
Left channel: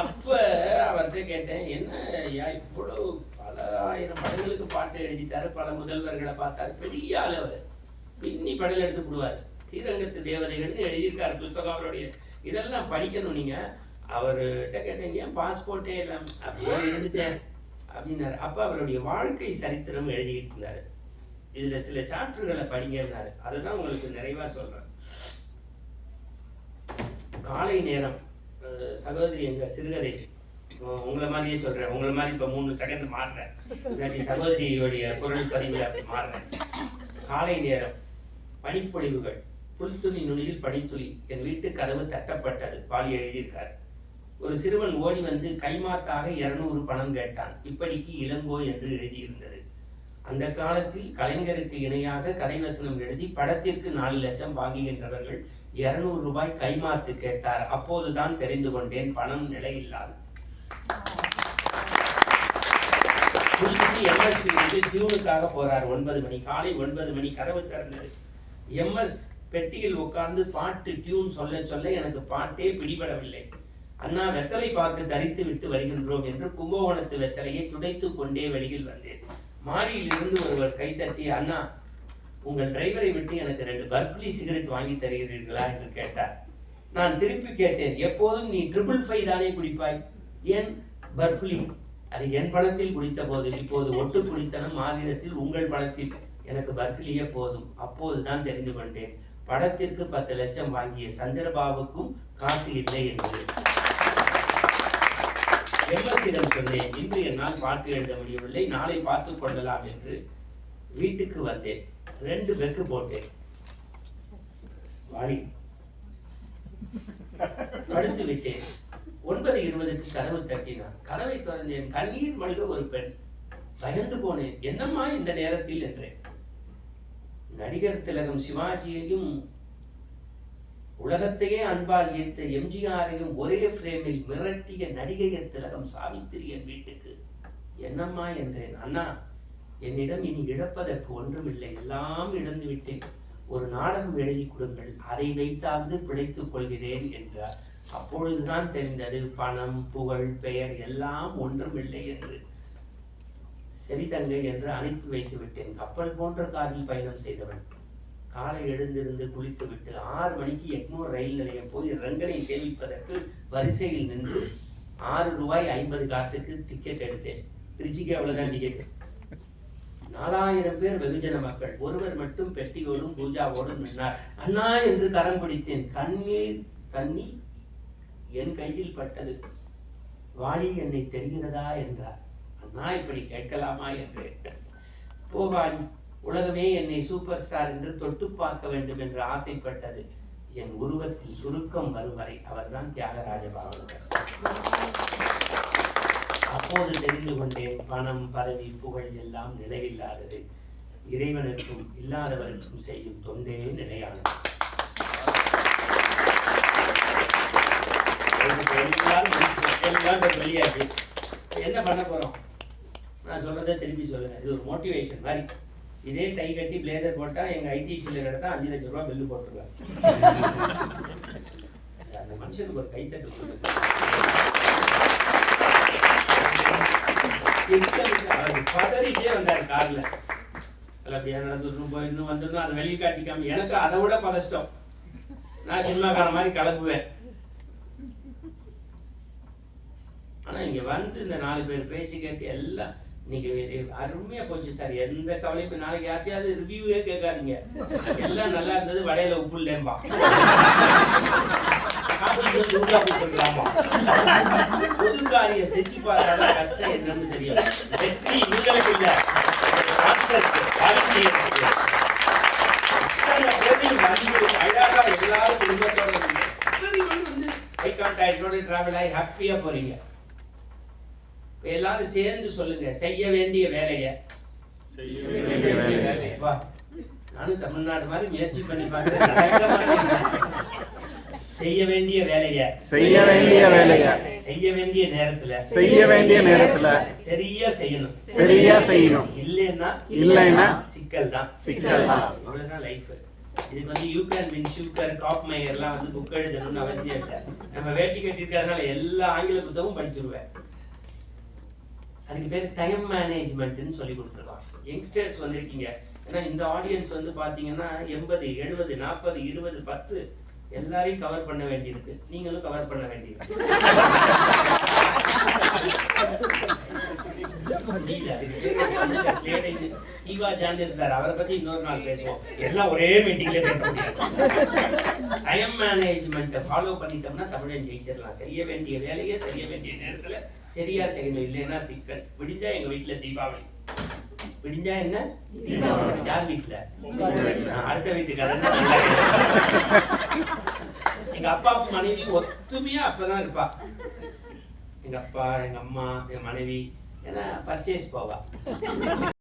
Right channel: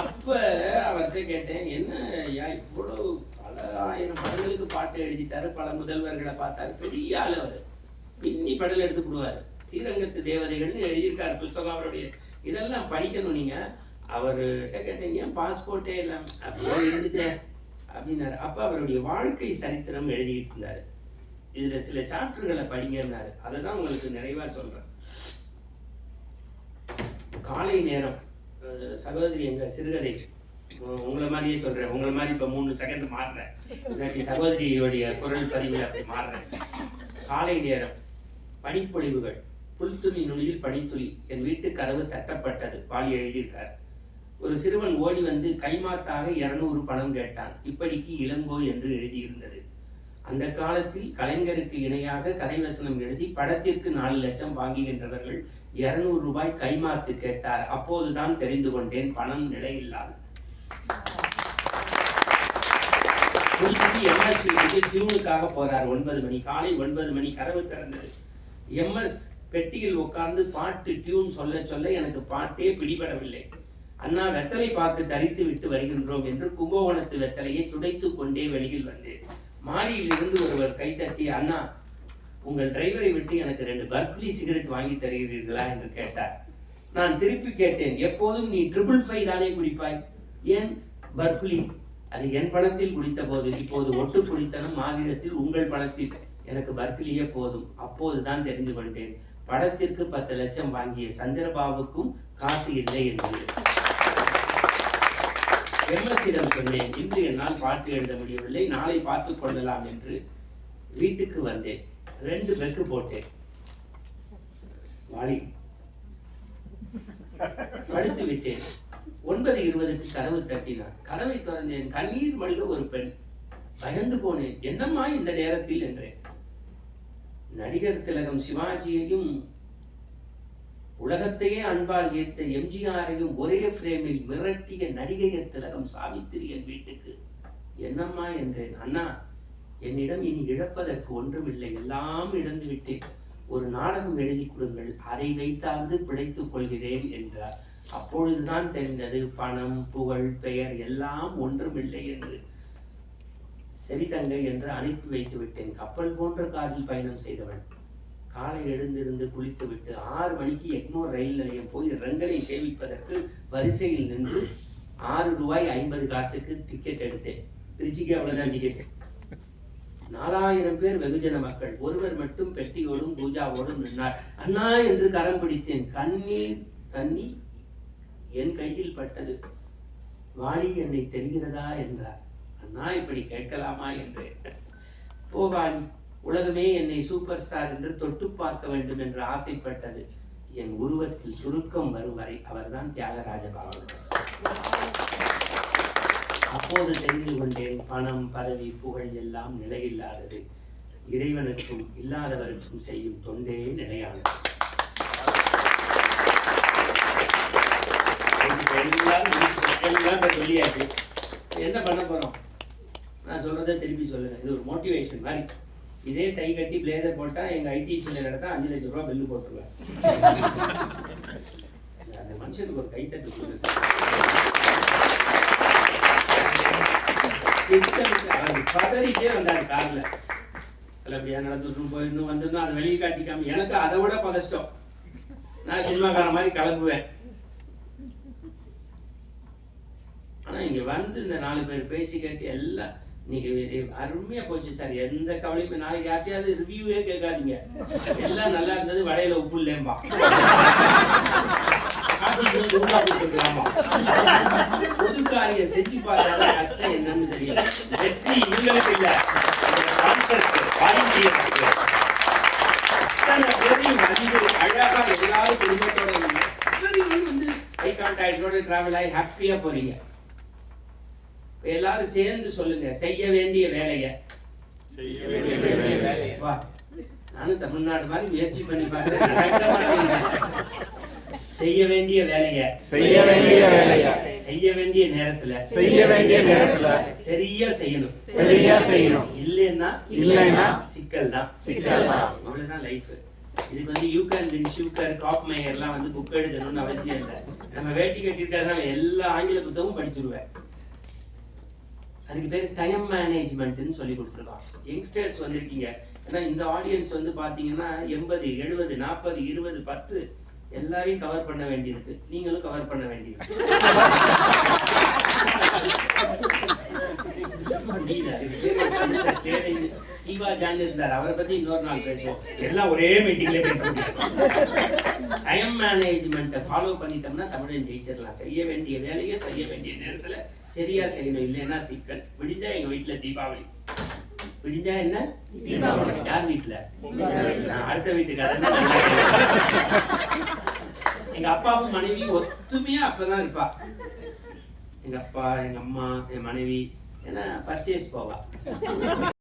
அப்ப அவர்கிட்ட கேட்டேன், என்ன ஐயா இவ்வளவு பல 1000 படங்களுக்கு பாட்டு எழுதிட்டாரு, பல முதல்வர்களை பார்த்தாரு, பெரிய ஆள் அவர், பின்னி படல் எடுத்து விடுவார். ஸ்ரீரங்கத்து தேவதைகள்னு எழுதியிருக்காரு புஸ்தகம் அவருடைய. இதெல்லாம் படிக்கணும் நீங்க. அவர்கிட்ட கேட்டேன், ஏன் பாஸ்போர்ட்டே இல்லை? அப்படியே இருந்துட்டேன் அப்படின்னாரு. அப்போ அவருடைய வாழ்க்கை சரித்திரம் எழுதிட்டு இருந்தாரு. இதுல சில சாப்டர்களை படிங்கன்னாரு. அதை தான் உங்களுக்கு நிறைவா சொல்றேன். காலை நேரம் சகோதரி எங்க சிறுகதை, உங்களை மாதிரியே சொல்றேன், உங்களை மாதிரி இப்ப 3 செகண்ட் மாறுறேன், இல்லாட்டி சகோதரியோடைய குரல் பதிவில் அப்படி மாறுறேன். காலை நேரம், பனிப்பொழிவுகள், புல்துணி நுனியில் பனித்துளி, என் வீட்டு கதவு தட்டப்பட்டது. பாலி எழுதியிருக்காரு. ஒரு சிறுவன் ஓடி வந்து கைமாத்தாக 200 பணம் கேட்டான். இப்படிக்கு இளங்கோ என்று எழுதியிருந்தது. அந்த காலத்தில் கலைஞருக்கு இணையாக கதை வசனம் எழுதி படத்திற்கு 4 லட்சம் வாங்குகின்றவர்கள் 200 ரூபாய் கைமாத்து கேட்டார். அப்போதுதான் தெரிந்து கொண்டேன் பணம் நிலையில்லாது. எம்எஸ் வீட்டுக்கு டியூனுக்காக போறார். 9 மணி, காலை 9 மணி. கதவு திறந்தது. எம்எஸ் பெட்டியில் உட்கார்ந்து பாட்டு டியூன் சொல்ல சொல்ல எனக்கு பாட்டே பிடிபடவில்லை. அண்ணா, வெத்தலை பாக்கு தரித்து விட்டு வருகின்றோம் என்று கும்பகோணத்து வெத்தலையை துடைத்து கொண்டே வெளியில் வந்தேன். மாடியில் இருந்து ஒருவர் கைத்தட்டி, அண்ணா, உங்கள் டிரைவரை விட்டு எனக்கு 2 பர்க்லி சிகரெட் வாங்கி தருகிறீர்களா என்று கேட்டார். நான் திருப்பி கேட்டேன், எப்போதும் நீ 555 தானே குடிப்பாய், ஏன் பர்க்லி? அது என் பணத்தில் குடித்த போது, இப்போது ஒட்டு குடித்தனம் மாநிலத்தில் உங்கள் பணத்தில், எனக்கு பர்க்லியே போதும். அப்போதுதான் தெரிந்து கொண்டேன் படத்திற்கு 10 லட்சம் வாங்கிய சந்திரபாபுக்கும் காசு இல்லை என்று. எம்எஸ்ஸிடம் சொன்னேன், இன்று என்னால் பாட்டு எழுத முடியவில்லை, நாளை பார்த்துக் கொள்ளலாம் என்று. வீட்டுக்கு வந்தேன். 2 பெக்கு போட்டேன். வாளி படுத்து விட்டேன். 9:20க்கு கதவு தட்டினான். கதவை திறந்தேன். கண்ணீர் மல்க ஒரு பெண். பயந்து போனேன். என்னம்மா இந்த நேரத்தில் என்றேன். நடிகர் திலகம் சிவாஜியையும் உலகத்தையே அன்பால் ஈர்த்த எம்ஜிஆரையும் ஒரே ஃப்ரேமில் மிரட்டிய நடிகையர் திலகம் சாவித்திரி என் வீட்டுக்கு. என்னம்மா என்றேன். அண்ணா, என்னிடம் இனி இழப்பதற்கு ஒன்றுமில்லை, எல்லாம் இழந்து விட்டேன். ஒரு நாடகம் எழுதி கொடுங்கள், அதை வைத்தாவது பிழைத்துக் கொள்கிறேன் என்றார். அப்பொழுதுதான் தெரிந்தது பணம், புகழ், பெயர் எல்லாம் ஒன்றுமில்லை என்று. சரி தங்கை என்று அனுப்பி வைத்து விட்டேன். கப்பல் போன்ற காரில் பயணம் செய்தவன். காலை எழுந்திருந்து குளித்து விட்டு 6 மணிக்கு எக்மோர் ரயில் நிலையம் போய் ரங்கனை சேவிப்பதற்கு வரிசையில் நின்று 6 ரூபாய் 50 காசுக்கு டிக்கெட் எடுத்தேன். திருச்சிக்கு அவ்வளவுதான் டிக்கெட். 4000 பேர் வெகுஜன மக்கள். ஒருவர் மட்டும் பெட்டியோடும் பூஜாவோடும் நின்றார். அண்ணா என்று கரம் பிடித்தேன். தண்ணி என் கையில் பட்டது. வாளி, என்னை தெரிகிறதா என்றார். அண்ணா, இப்படி கேட்கலாமா என்று. போவாளி, உலகமே என்னை சூப்பர் ஸ்டார் என்று தொட்டு பார்க்க வேண்டும் என்று ஆசைப்பட்டது. என் உருவத்தில் சுருக்கம் வரும் வரை அவர்தான் தியாகராஜ பாகவதர். அப்போது தெரிந்து கொண்டேன் பணம், பதவி, புகழ் எல்லாம் நிலையில்லாதது. இறைவனுக்கும் இல்லாதவருக்கும் செய்யும் தொண்டே நிலையானது. வெளியாச்சு. என்ன பண்ண போறோம்? நான் சொல்றதை திருப்பி சொல்லுங்க. இது ஒரு மோட்டிவேஷன் மாதிரி. இதே டை கட்டி பிளேசர் போட்டா எங்க ஐடிசியில் எடுத்தா 5 லட்சம் ரூபாய் பில்லு போட்டுருவேன். அந்த மனுஷனுக்கு ஒரு கைத்தட்டு கொடுங்க சார். பதறிட்டே வந்தார் கார்ல. அப்படியா நடந்துட்டு போய் இன்னும் வந்திருந்தோம். அதை வெளியே காட்டிக்காம எனக்கு அதை விட பதஷ்டம். நான் சினிமாக்கார மாதிரி கிளம்புவேன். ஆனா இங்க வந்து இந்த 4 பேர் பேச்சு கேட்டு எல்லாம் இன்னைக்கு அருமையா போச்சு சார். எந்த கவலையும் நாளைக்கு யார்த்தையாவது ரிவ்யூவே கேட்காதீங்க. எல்லாம் நல்லா இருந்தது, வடையில உப்பு இல்லேம்பா. பொது காரியம் செஞ்சு பார்த்தாத கஷ்டம் என்னன்னு தெரியும். வெற்றி இவங்களுக்கு இல்ல, அழகா எல்லாரும் குடும்பத்தோட வந்து ஹை கான்டாக்டோட டிராவல் ஆகி ஹாப்பியா போறீங்க. எல்லாரும் சேர்ந்து சொல்லுங்க, செய்ய வேண்டிய வேலைய. நானும் தமிழ்நாடு மாதிரி முயற்சி பண்ணி பார்க்கிறேன். செய்ய வேண்டிய வேலைய செய்ய வேண்டிய வேலைய செய்ய வேண்டிய நேரத்துல சரியா செய்யணும். இல்லைன்னா சிக்கல் தான். இவ்வளவுதான் லைஃப். இதுக்கு வந்து யூ கேன் வின் ஷூக்கர், காப் மேயர்லாம் வந்து புக் எழுதணும்னு அவசியம் இல்லை. நம்ம வேட்டி கட்டிருக்கிறதுனால எல்லா ஆங்கில புத்தகமும் படிச்சிருவேன். அதுக்கு பேர் டைம் மேனேஜ்மெண்ட்னு சொல்லி கொடுத்துருக்கோம். யங்ஸ்டர்ஸ் வந்திருக்கீங்க. ஏன்னா இந்த ஆடியன்ஸ் வந்து பார்த்தீங்கன்னா 80, 70, 40, 20, 10 எல்லாரையும் கவர் பண்ண வேண்டியிருக்கு, நீங்களும் கவர் பண்ண வேண்டியிருக்கு. ஈவா ஜான் இருந்தார், அவரை பத்தி இன்னொரு நாள் பேசுவோம். எல்லாம் ஒரே மீட்டிங்ல பேச முடியாது. டைம் மேனேஜ்மெண்ட்டை ஃபாலோ பண்ணிட்டோம்னா தமிழன் ஜெயிச்சிடலாம். செய்ய வேண்டிய வேலையை செய்ய வேண்டிய நேரத்துல சரியா செய்யணும், இல்லைன்னா சிக்கல். விடிஞ்சா எங்க வீட்டுல தீபாவளி, விடிஞ்சா என்ன தீபாவளி. யார் வீட்டுல? அடுத்த வீட்டுக்காரன். எங்க அப்பாவும் மனைவியும் ஒத்துமையா அப்பதான் இருப்பா. எங்க அப்பா, எங்க அம்மா, என் மனைவி, ஏன்னா பர்ச்சேஸ் போவா.